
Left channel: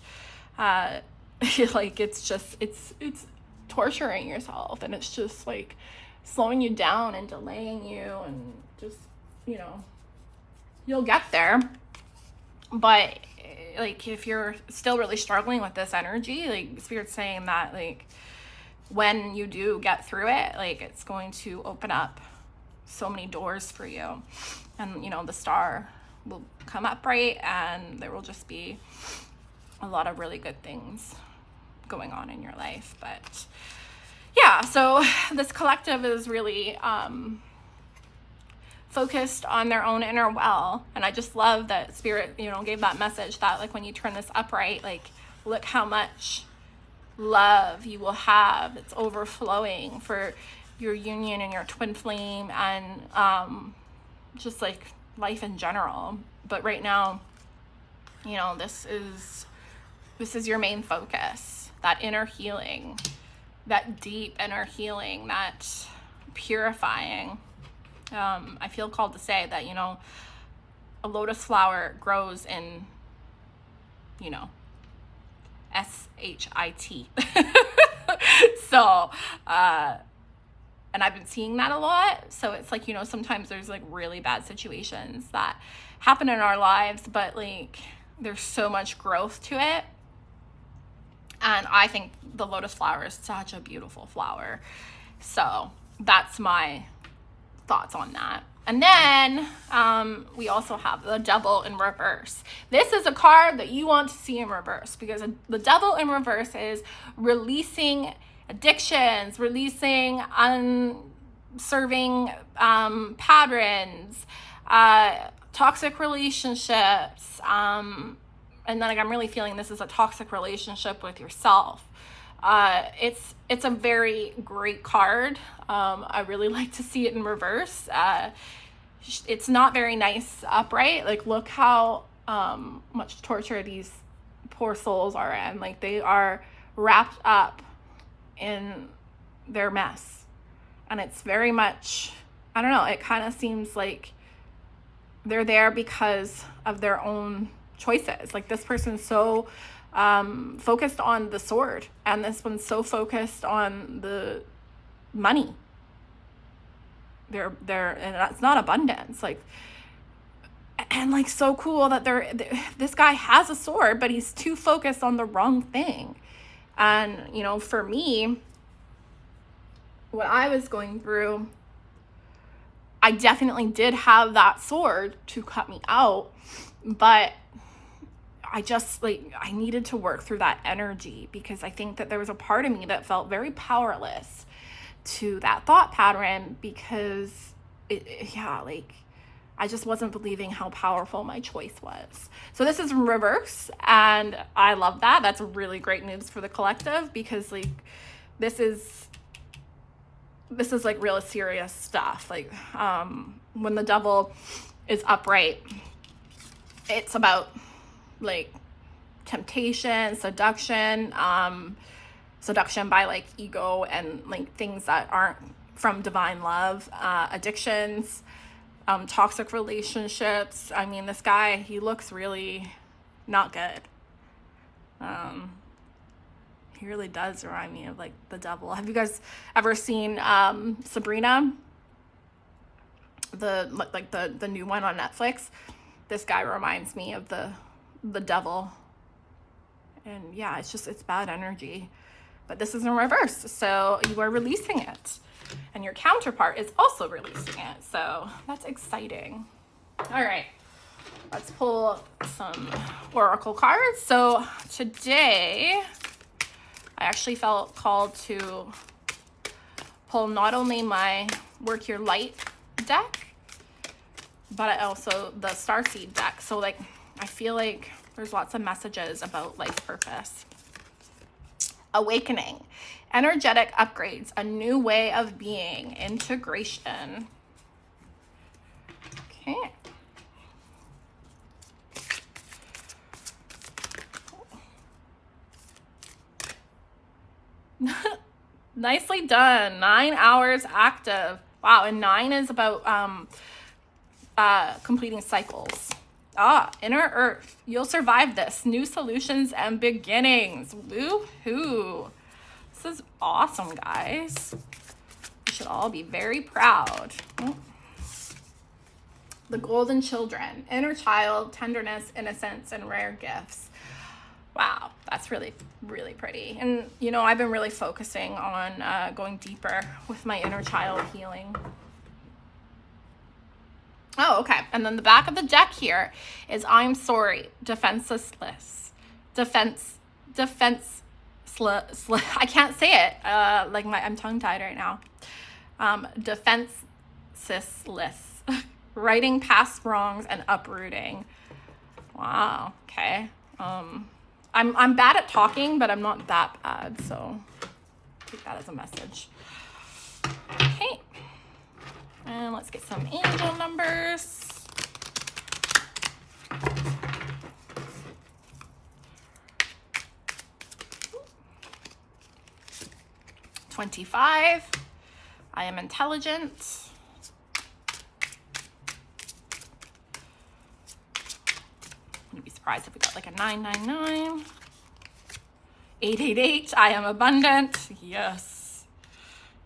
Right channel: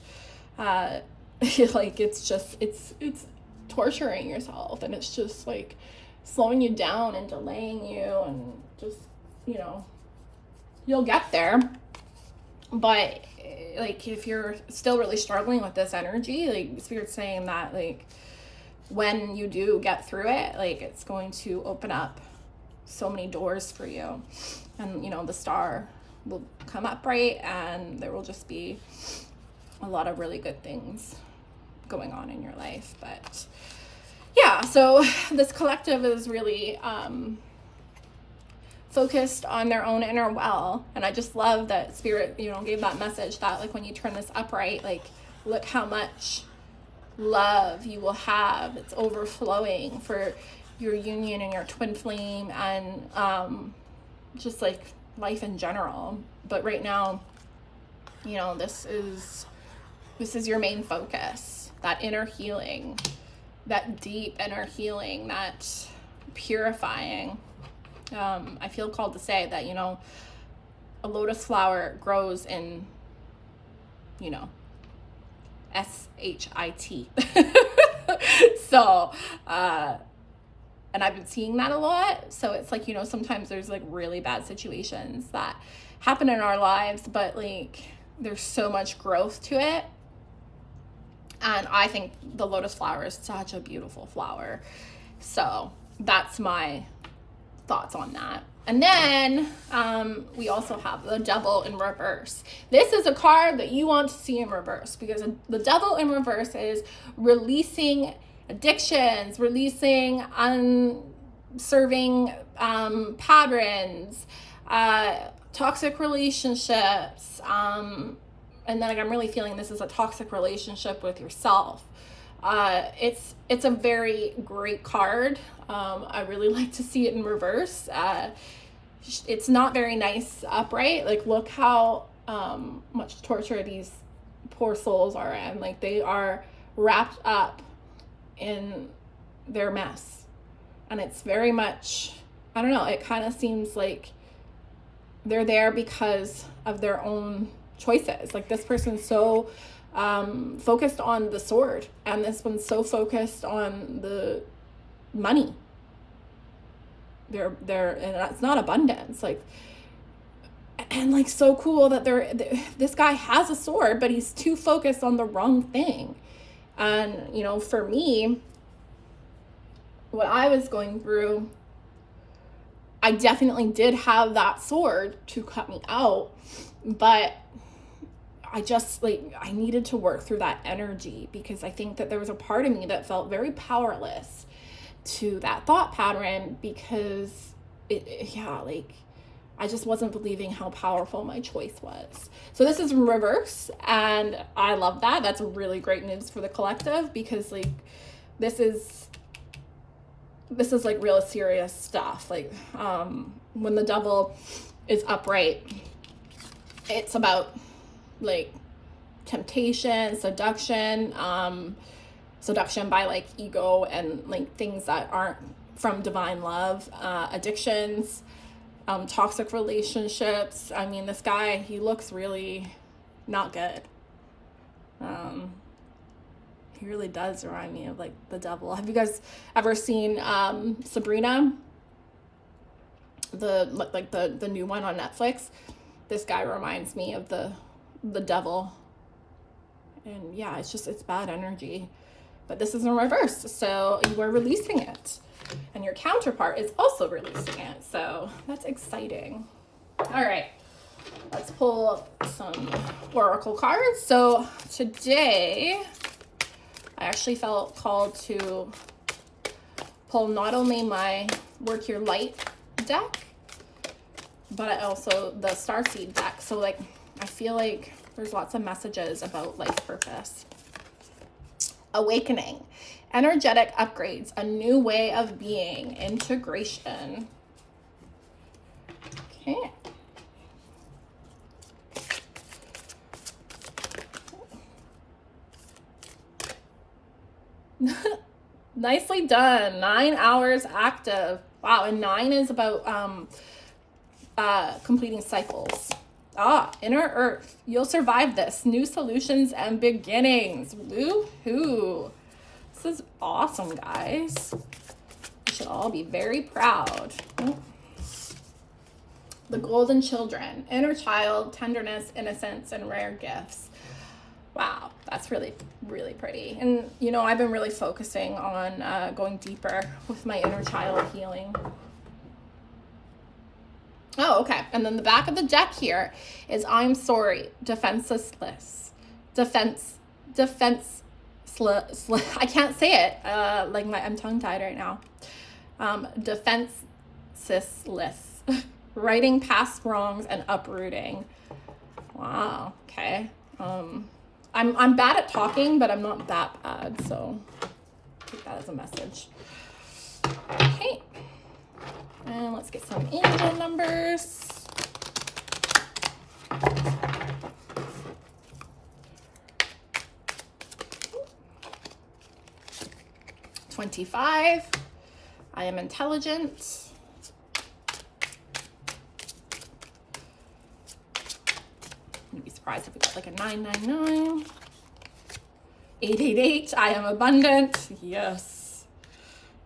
Like it's torturing yourself, and it's just like slowing you down and delaying you, and just you'll get there. But like if you're still really struggling with this energy, like Spirit's saying that like when you do get through it, like it's going to open up so many doors for you, and the star will come up bright, and there will just be a lot of really good things going on in your life. But yeah, so this collective is really focused on their own inner well, and I just love that Spirit gave that message that like when you turn this upright, like Look how much love you will have. It's overflowing for your union and your twin flame, and just like life in general. But right now, you know, this is your main focus, that inner healing, that deep inner healing, that purifying. I feel called to say that, you know, a lotus flower grows in, you know, S-H-I-T. So, and I've been seeing that a lot. So it's like, you know, sometimes there's like really bad situations that happen in our lives, but like there's so much growth to it. And I think the lotus flower is such a beautiful flower. So that's my thoughts on that. And then we also have the devil in reverse. This is a card that you want to see in reverse, because the devil in reverse is releasing addictions, releasing unserving patterns, toxic relationships. And then like, I'm really feeling this is a toxic relationship with yourself. It's a very great card. I really like to see it in reverse. It's not very nice upright. Like, look how much torture these poor souls are in. Like, they are wrapped up in their mess. And it's very much, I don't know, it kind of seems like they're there because of their own choices. Like, this person's so focused on the sword, and this one's so focused on the money. They're and it's not abundance, like, and like, so cool that this guy has a sword, but he's too focused on the wrong thing. And you know, for me, what I was going through, I definitely did have that sword to cut me out, but I just, like, I needed to work through that energy, because I think that there was a part of me that felt very powerless to that thought pattern, because like, I just wasn't believing how powerful my choice was. So this is in reverse, and I love that. That's really great news for the collective, because like, this is like real serious stuff. Like, when the devil is upright, it's about like temptation, seduction by like ego and like things that aren't from divine love, addictions, toxic relationships. I mean, this guy, he looks really not good. He really does remind me of like the devil. Have you guys ever seen Sabrina, the new one on Netflix? This guy reminds me of the devil. And yeah, it's bad energy. But this is in reverse, so you are releasing it. And your counterpart is also releasing it. So that's exciting. All right, let's pull some oracle cards. So today, I actually felt called to pull not only my Work Your Light deck, but I also the Starseed deck. So like, I feel like there's lots of messages about life purpose. Awakening, energetic upgrades, a new way of being, integration. Okay. Nicely done. 9 hours active. Wow, and 9 is about completing cycles. Inner Earth. You'll survive this. New solutions and beginnings. Woohoo. This is awesome, guys. You should all be very proud. The Golden Children. Inner child, tenderness, innocence, and rare gifts. Wow, that's really, really pretty. And, you know, I've been really focusing on going deeper with my inner child healing. Oh, okay. And then the back of the deck here is I'm sorry, defenseless. I can't say it. I'm tongue-tied right now. Defenseless. Righting past wrongs and uprooting. Wow. Okay. I'm bad at talking, but I'm not that bad, so take that as a message. Okay, and let's get some angel numbers. $25. I am intelligent. Wouldn't be surprised if we got like a 999. 888. I am abundant. Yes.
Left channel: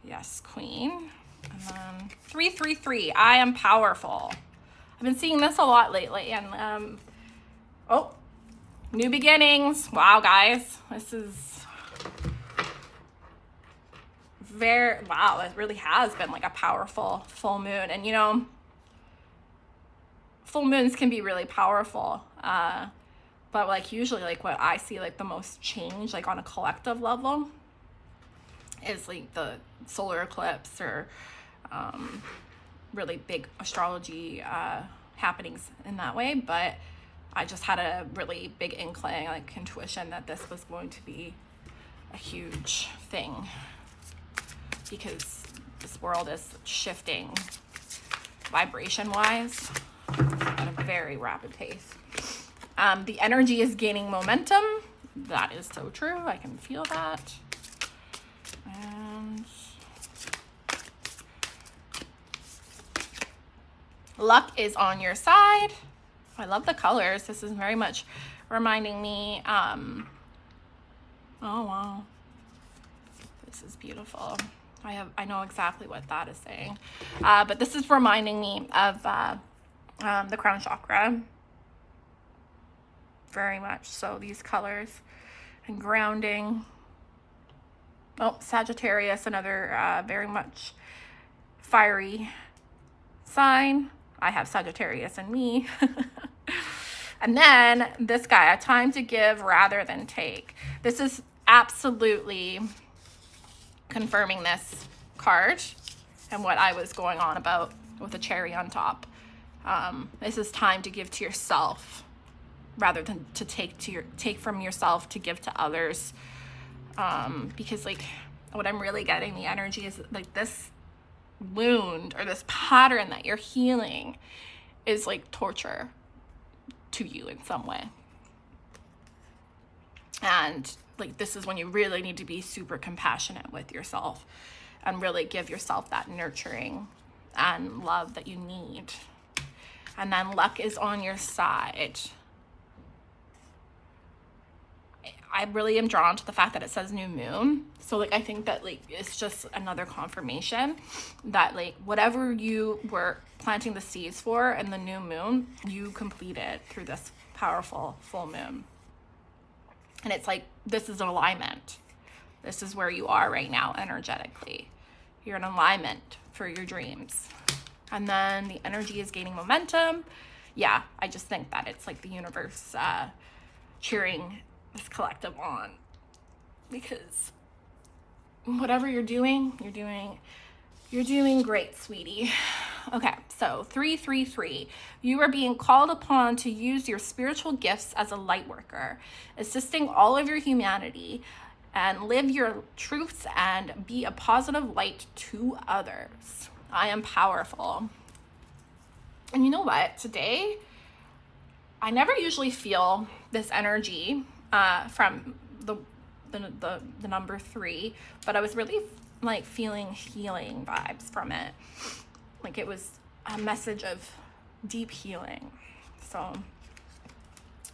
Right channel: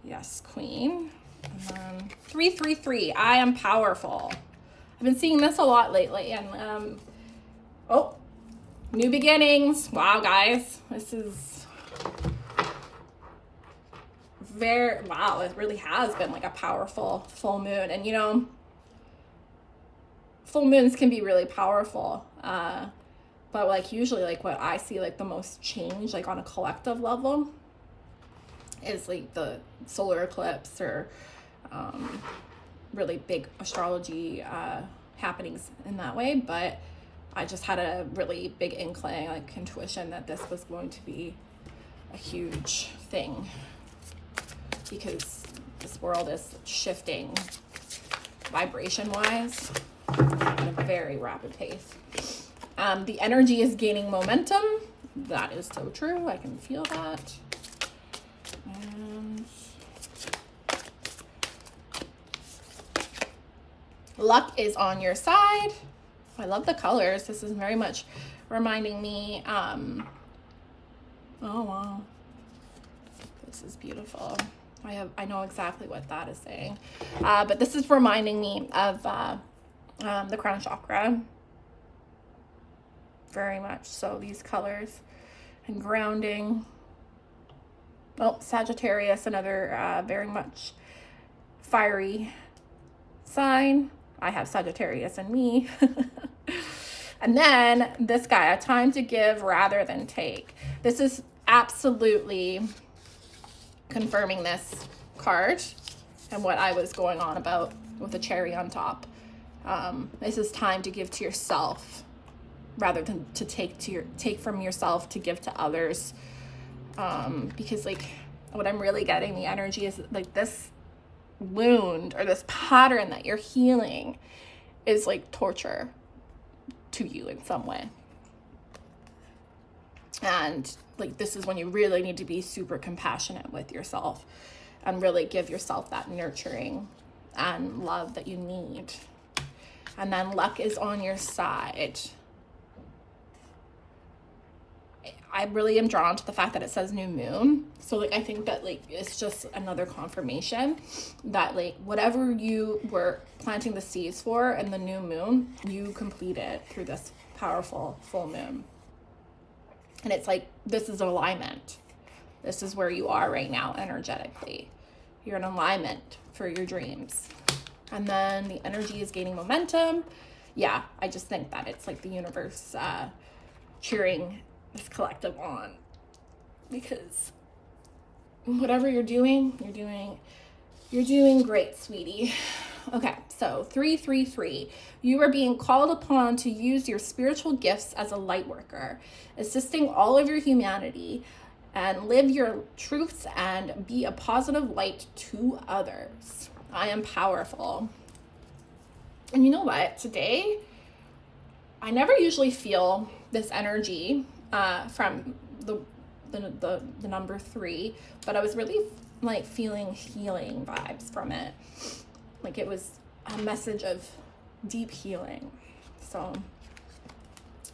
Yes, queen. And then 333. I am powerful. I've been seeing this a lot lately. And oh, new beginnings. Wow, guys, this is wow, it really has been like a powerful full moon. And you know, full moons can be really powerful, but like usually like what I see like the most change like on a collective level is like the solar eclipse or really big astrology happenings in that way. But I just had a really big inkling, like intuition, that this was going to be a huge thing, because this world is shifting vibration-wise at a very rapid pace. The energy is gaining momentum. That is so true. I can feel that. And luck is on your side. I love the colors. This is very much reminding me, oh wow, this is beautiful. I know exactly what that is saying. But this is reminding me of the crown chakra. Very much so, these colors. And grounding. Oh, Sagittarius, another very much fiery sign. I have Sagittarius in me. And then this guy, a time to give rather than take. This is absolutely confirming this card and what I was going on about with a cherry on top. This is time to give to yourself rather than to take from yourself to give to others. Because like what I'm really getting the energy is like this wound or this pattern that you're healing is like torture to you in some way. And like this is when you really need to be super compassionate with yourself and really give yourself that nurturing and love that you need. And then luck is on your side. I really am drawn to the fact that it says new moon. So like I think that like it's just another confirmation that like whatever you were planting the seeds for in the new moon, you completed through this powerful full moon. And it's like, this is alignment. This is where you are right now energetically. You're in alignment for your dreams. And then the energy is gaining momentum. Yeah, I just think that it's like the universe cheering this collective on. Because whatever you're doing great, sweetie. Okay, so 333. You are being called upon to use your spiritual gifts as a light worker, assisting all of your humanity, and live your truths and be a positive light to others. I am powerful. And you know what? Today, I never usually feel this energy from the number 3, but I was really like feeling healing vibes from it. Like it was a message of deep healing. So,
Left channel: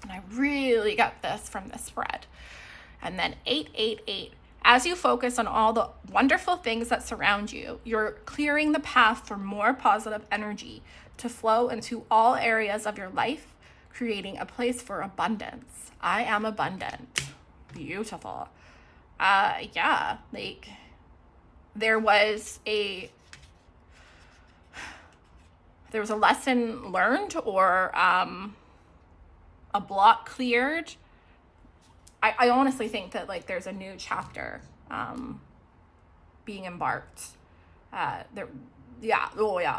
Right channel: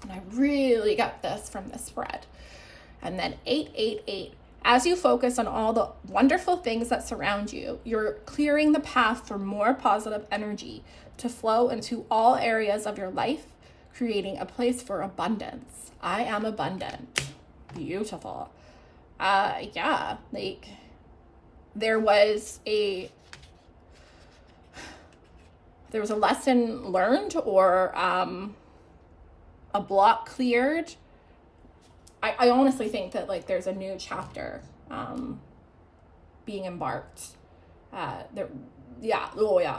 and I really got this from this spread. And then 888. As you focus on all the wonderful things that surround you, you're clearing the path for more positive energy to flow into all areas of your life, creating a place for abundance. I am abundant. Beautiful. Yeah, like there was a lesson learned or a block cleared. I honestly think that like there's a new chapter being embarked.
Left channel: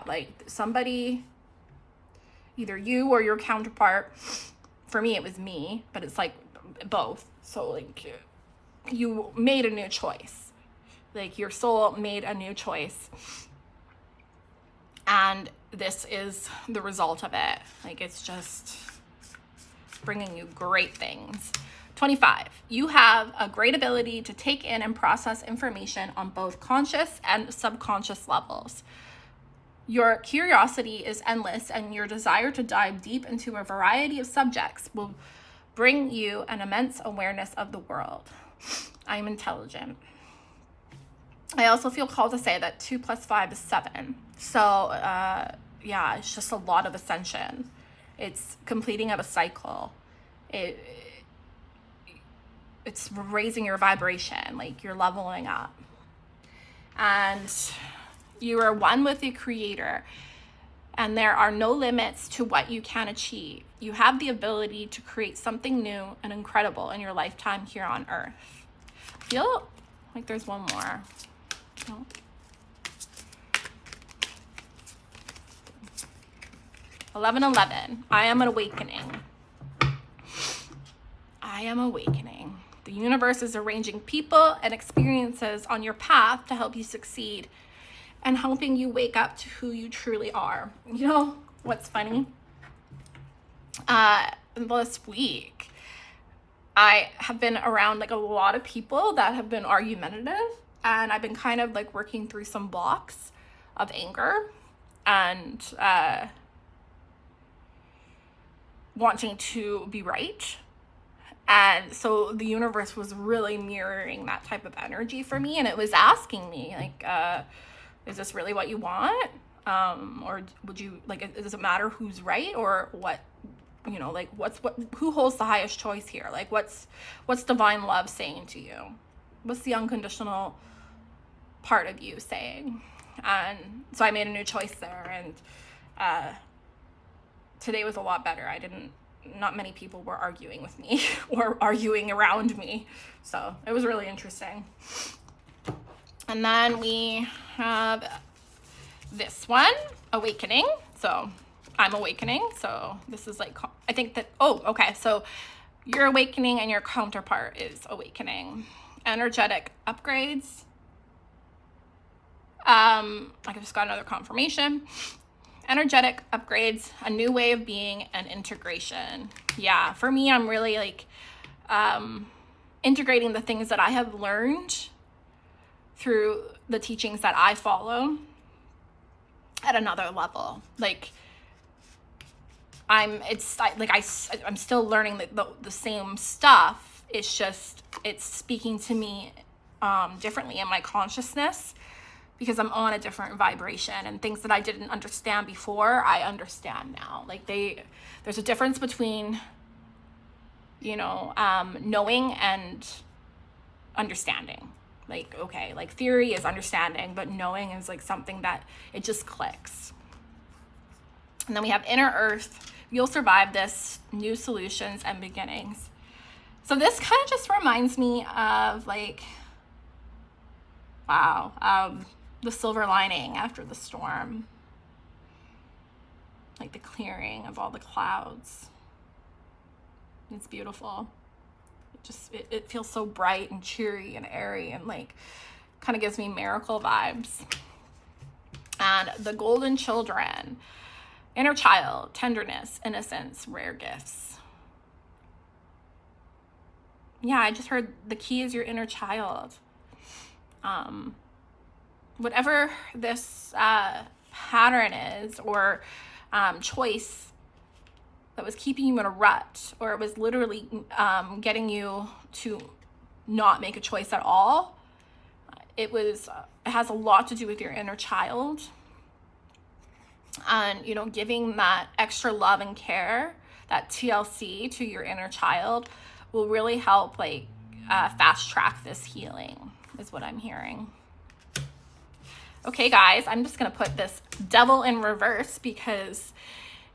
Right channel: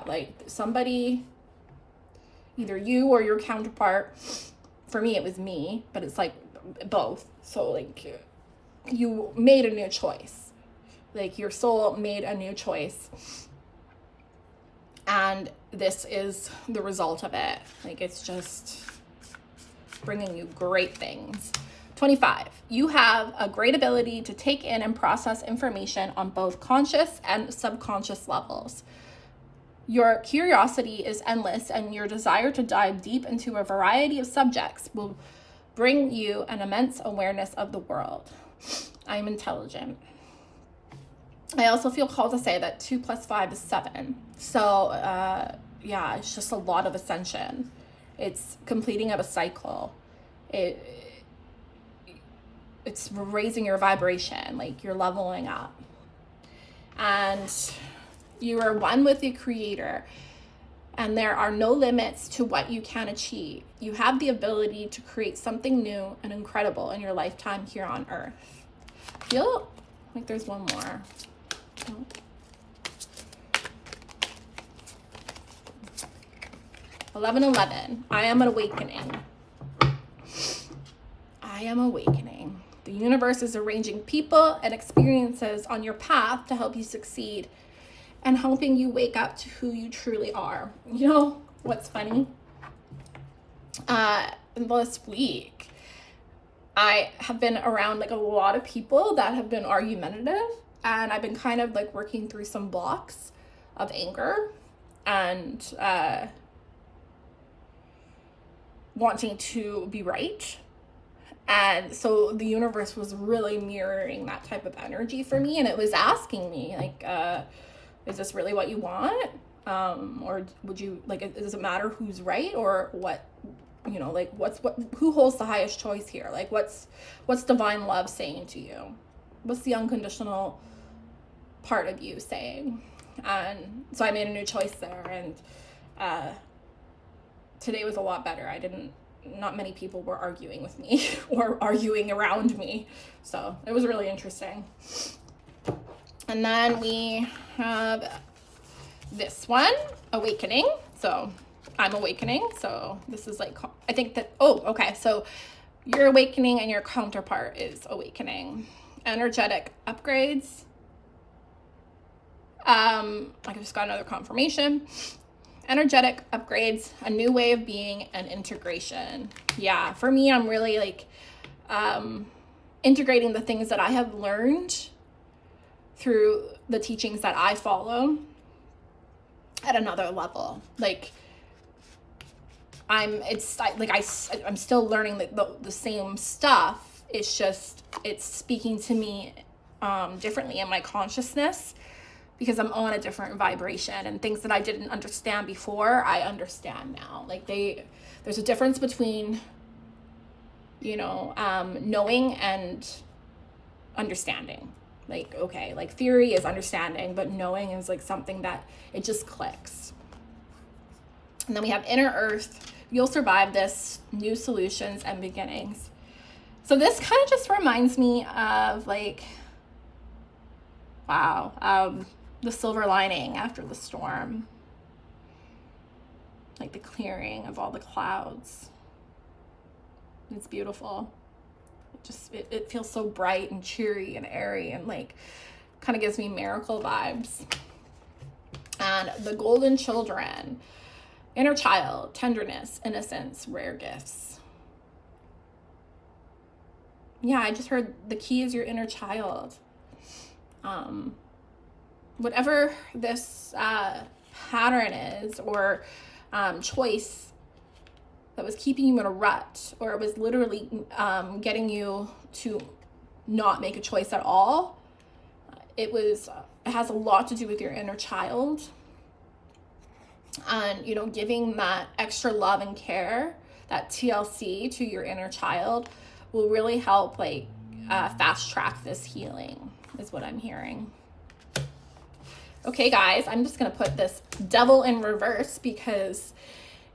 Like somebody, either you or your counterpart, for me it was me, but it's like both. So like you made a new choice. Like your soul made a new choice. And this is the result of it. Like it's just bringing you great things. 25, you have a great ability to take in and process information on both conscious and subconscious levels. Your curiosity is endless, and your desire to dive deep into a variety of subjects will bring you an immense awareness of the world. I am intelligent. I also feel called to say that 2 + 5 is 7. So, yeah, it's just a lot of ascension. It's completing of a cycle. It's raising your vibration, like you're leveling up. And you are one with the Creator, and there are no limits to what you can achieve. You have the ability to create something new and incredible in your lifetime here on Earth. I feel like there's one more. Oh. 11:11. I am an awakening. I am awakening. The universe is arranging people and experiences on your path to help you succeed and helping you wake up to who you truly are. You know what's funny? This week, I have been around like a lot of people that have been argumentative, and I've been kind of like working through some blocks of anger and wanting to be right. And so the universe was really mirroring that type of energy for me, and it was asking me like, is this really what you want? Or would you like, does it matter who's right or what, you know, like who holds the highest choice here? Like what's divine love saying to you? What's the unconditional part of you saying? And so I made a new choice there, and today was a lot better. Not many people were arguing with me or arguing around me. So it was really interesting. And then we have this one, awakening. So I'm awakening. So this is like, I think that, okay. So your awakening and your counterpart is awakening. Energetic upgrades. I just got another confirmation. Energetic upgrades, a new way of being, and integration. Yeah, for me, I'm really like integrating the things that I have learned through the teachings that I follow at another level. Like I'm still learning the same stuff. It's just, it's speaking to me differently in my consciousness, because I'm on a different vibration, and things that I didn't understand before, I understand now. Like there's a difference between, you know, knowing and understanding. Like, okay, like theory is understanding, but knowing is like something that it just clicks. And then we have inner earth. You'll survive this, new solutions and beginnings. So this kind of just reminds me of like, wow, the silver lining after the storm, like the clearing of all the clouds. It's beautiful. It feels so bright and cheery and airy, and like kind of gives me miracle vibes. And the golden children, inner child, tenderness, innocence, rare gifts. Yeah, I just heard the key is your inner child. Whatever this pattern is, or choice that was keeping you in a rut, or it was literally getting you to not make a choice at all, it has a lot to do with your inner child. And, you know, giving that extra love and care, that TLC to your inner child, will really help like fast track this healing, is what I'm hearing. Okay, guys, I'm just going to put this devil in reverse because,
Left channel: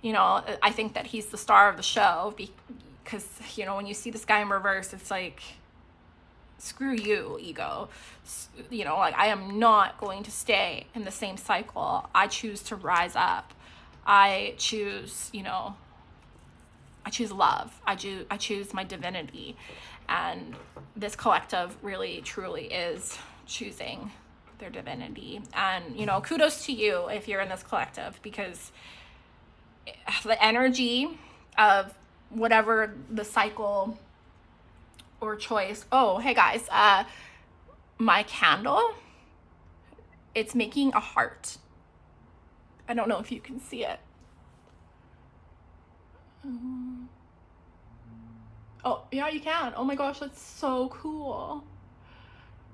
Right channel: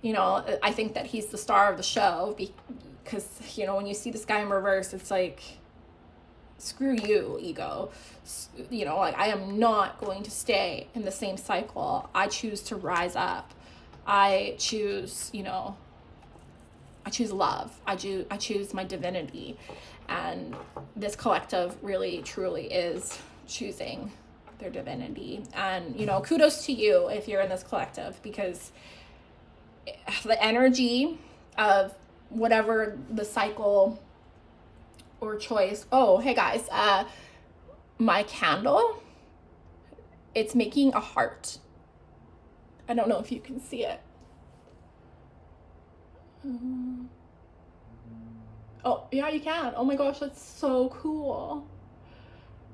you know, I think that he's the star of the show, because, you know, when you see this guy in reverse, it's like, screw you, ego. You know, like, I am not going to stay in the same cycle. I choose to rise up. I choose, you know, love. I choose my divinity. And this collective really, truly is choosing their divinity. And, you know, kudos to you if you're in this collective, because the energy of whatever the cycle or choice. Oh, hey guys, my candle, it's making a heart. I don't know if you can see it. Oh, yeah, you can. Oh my gosh, that's so cool.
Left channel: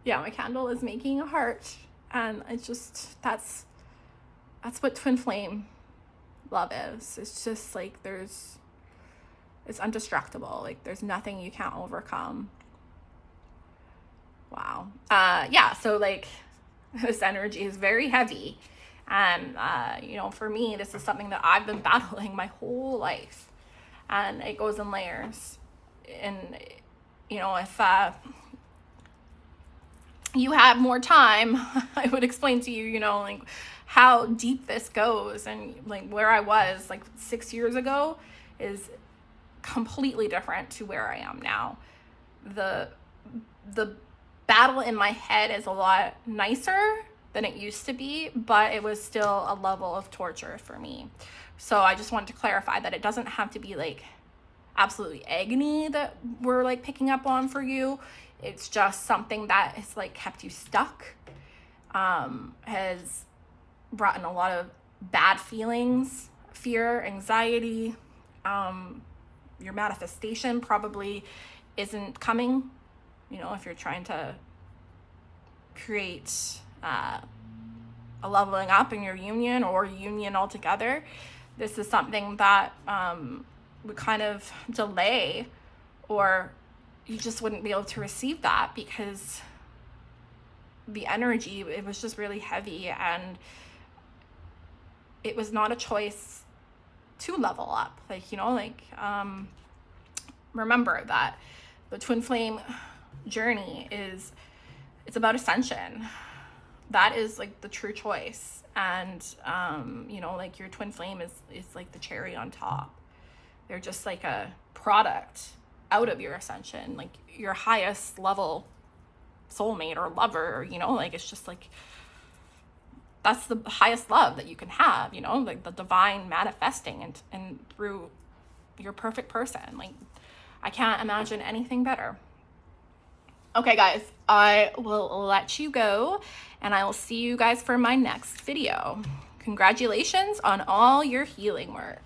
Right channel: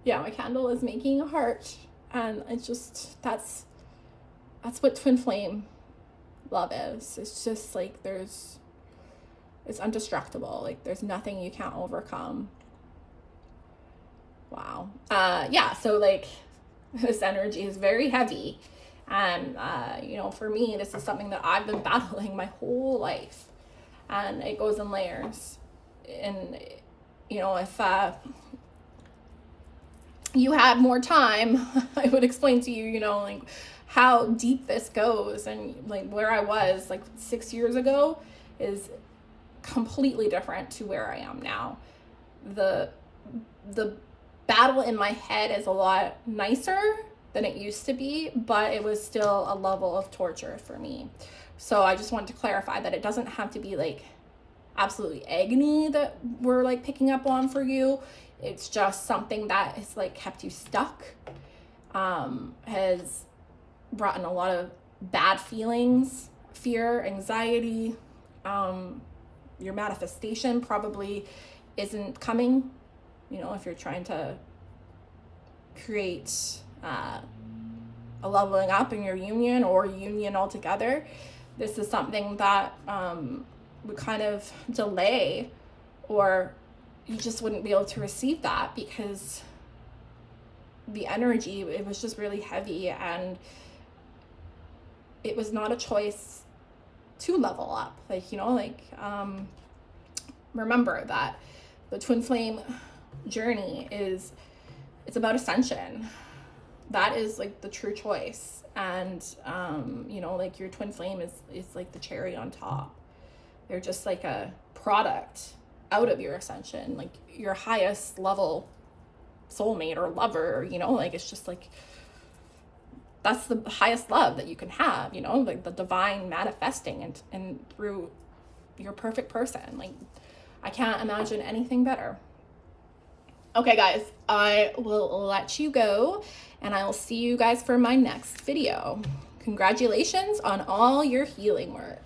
Yeah, my candle is making a heart. And it's just, that's what twin flame love is. It's just like it's indestructible. Like there's nothing you can't overcome. Wow. Yeah, so like this energy is very heavy. And, you know, for me, this is something that I've been battling my whole life. And it goes in layers. And, you know, if you had more time, I would explain to you, you know, like how deep this goes. And like where I was like 6 years ago is completely different to where I am now. The battle in my head is a lot nicer than it used to be, but it was still a level of torture for me. So I just wanted to clarify that it doesn't have to be like absolutely agony that we're like picking up on for you. It's just something that has like kept you stuck, has brought in a lot of bad feelings, fear, anxiety. Your manifestation probably isn't coming, you know, if you're trying to create a leveling up in your union or union altogether. This is something that would kind of delay, or you just wouldn't be able to receive that because the energy, it was just really heavy, and it was not a choice to level up. Like, you know, like remember that the twin flame journey it's about ascension. That is like the true choice. And you know, like your twin flame is like the cherry on top. They're just like a product out of your ascension, like your highest level soulmate or lover, you know, like it's just like that's the highest love that you can have, you know, like the divine manifesting and through your perfect person. Like I can't imagine anything better. Okay guys, I will let you go, and I will see you guys for my next video. Congratulations on all your healing work.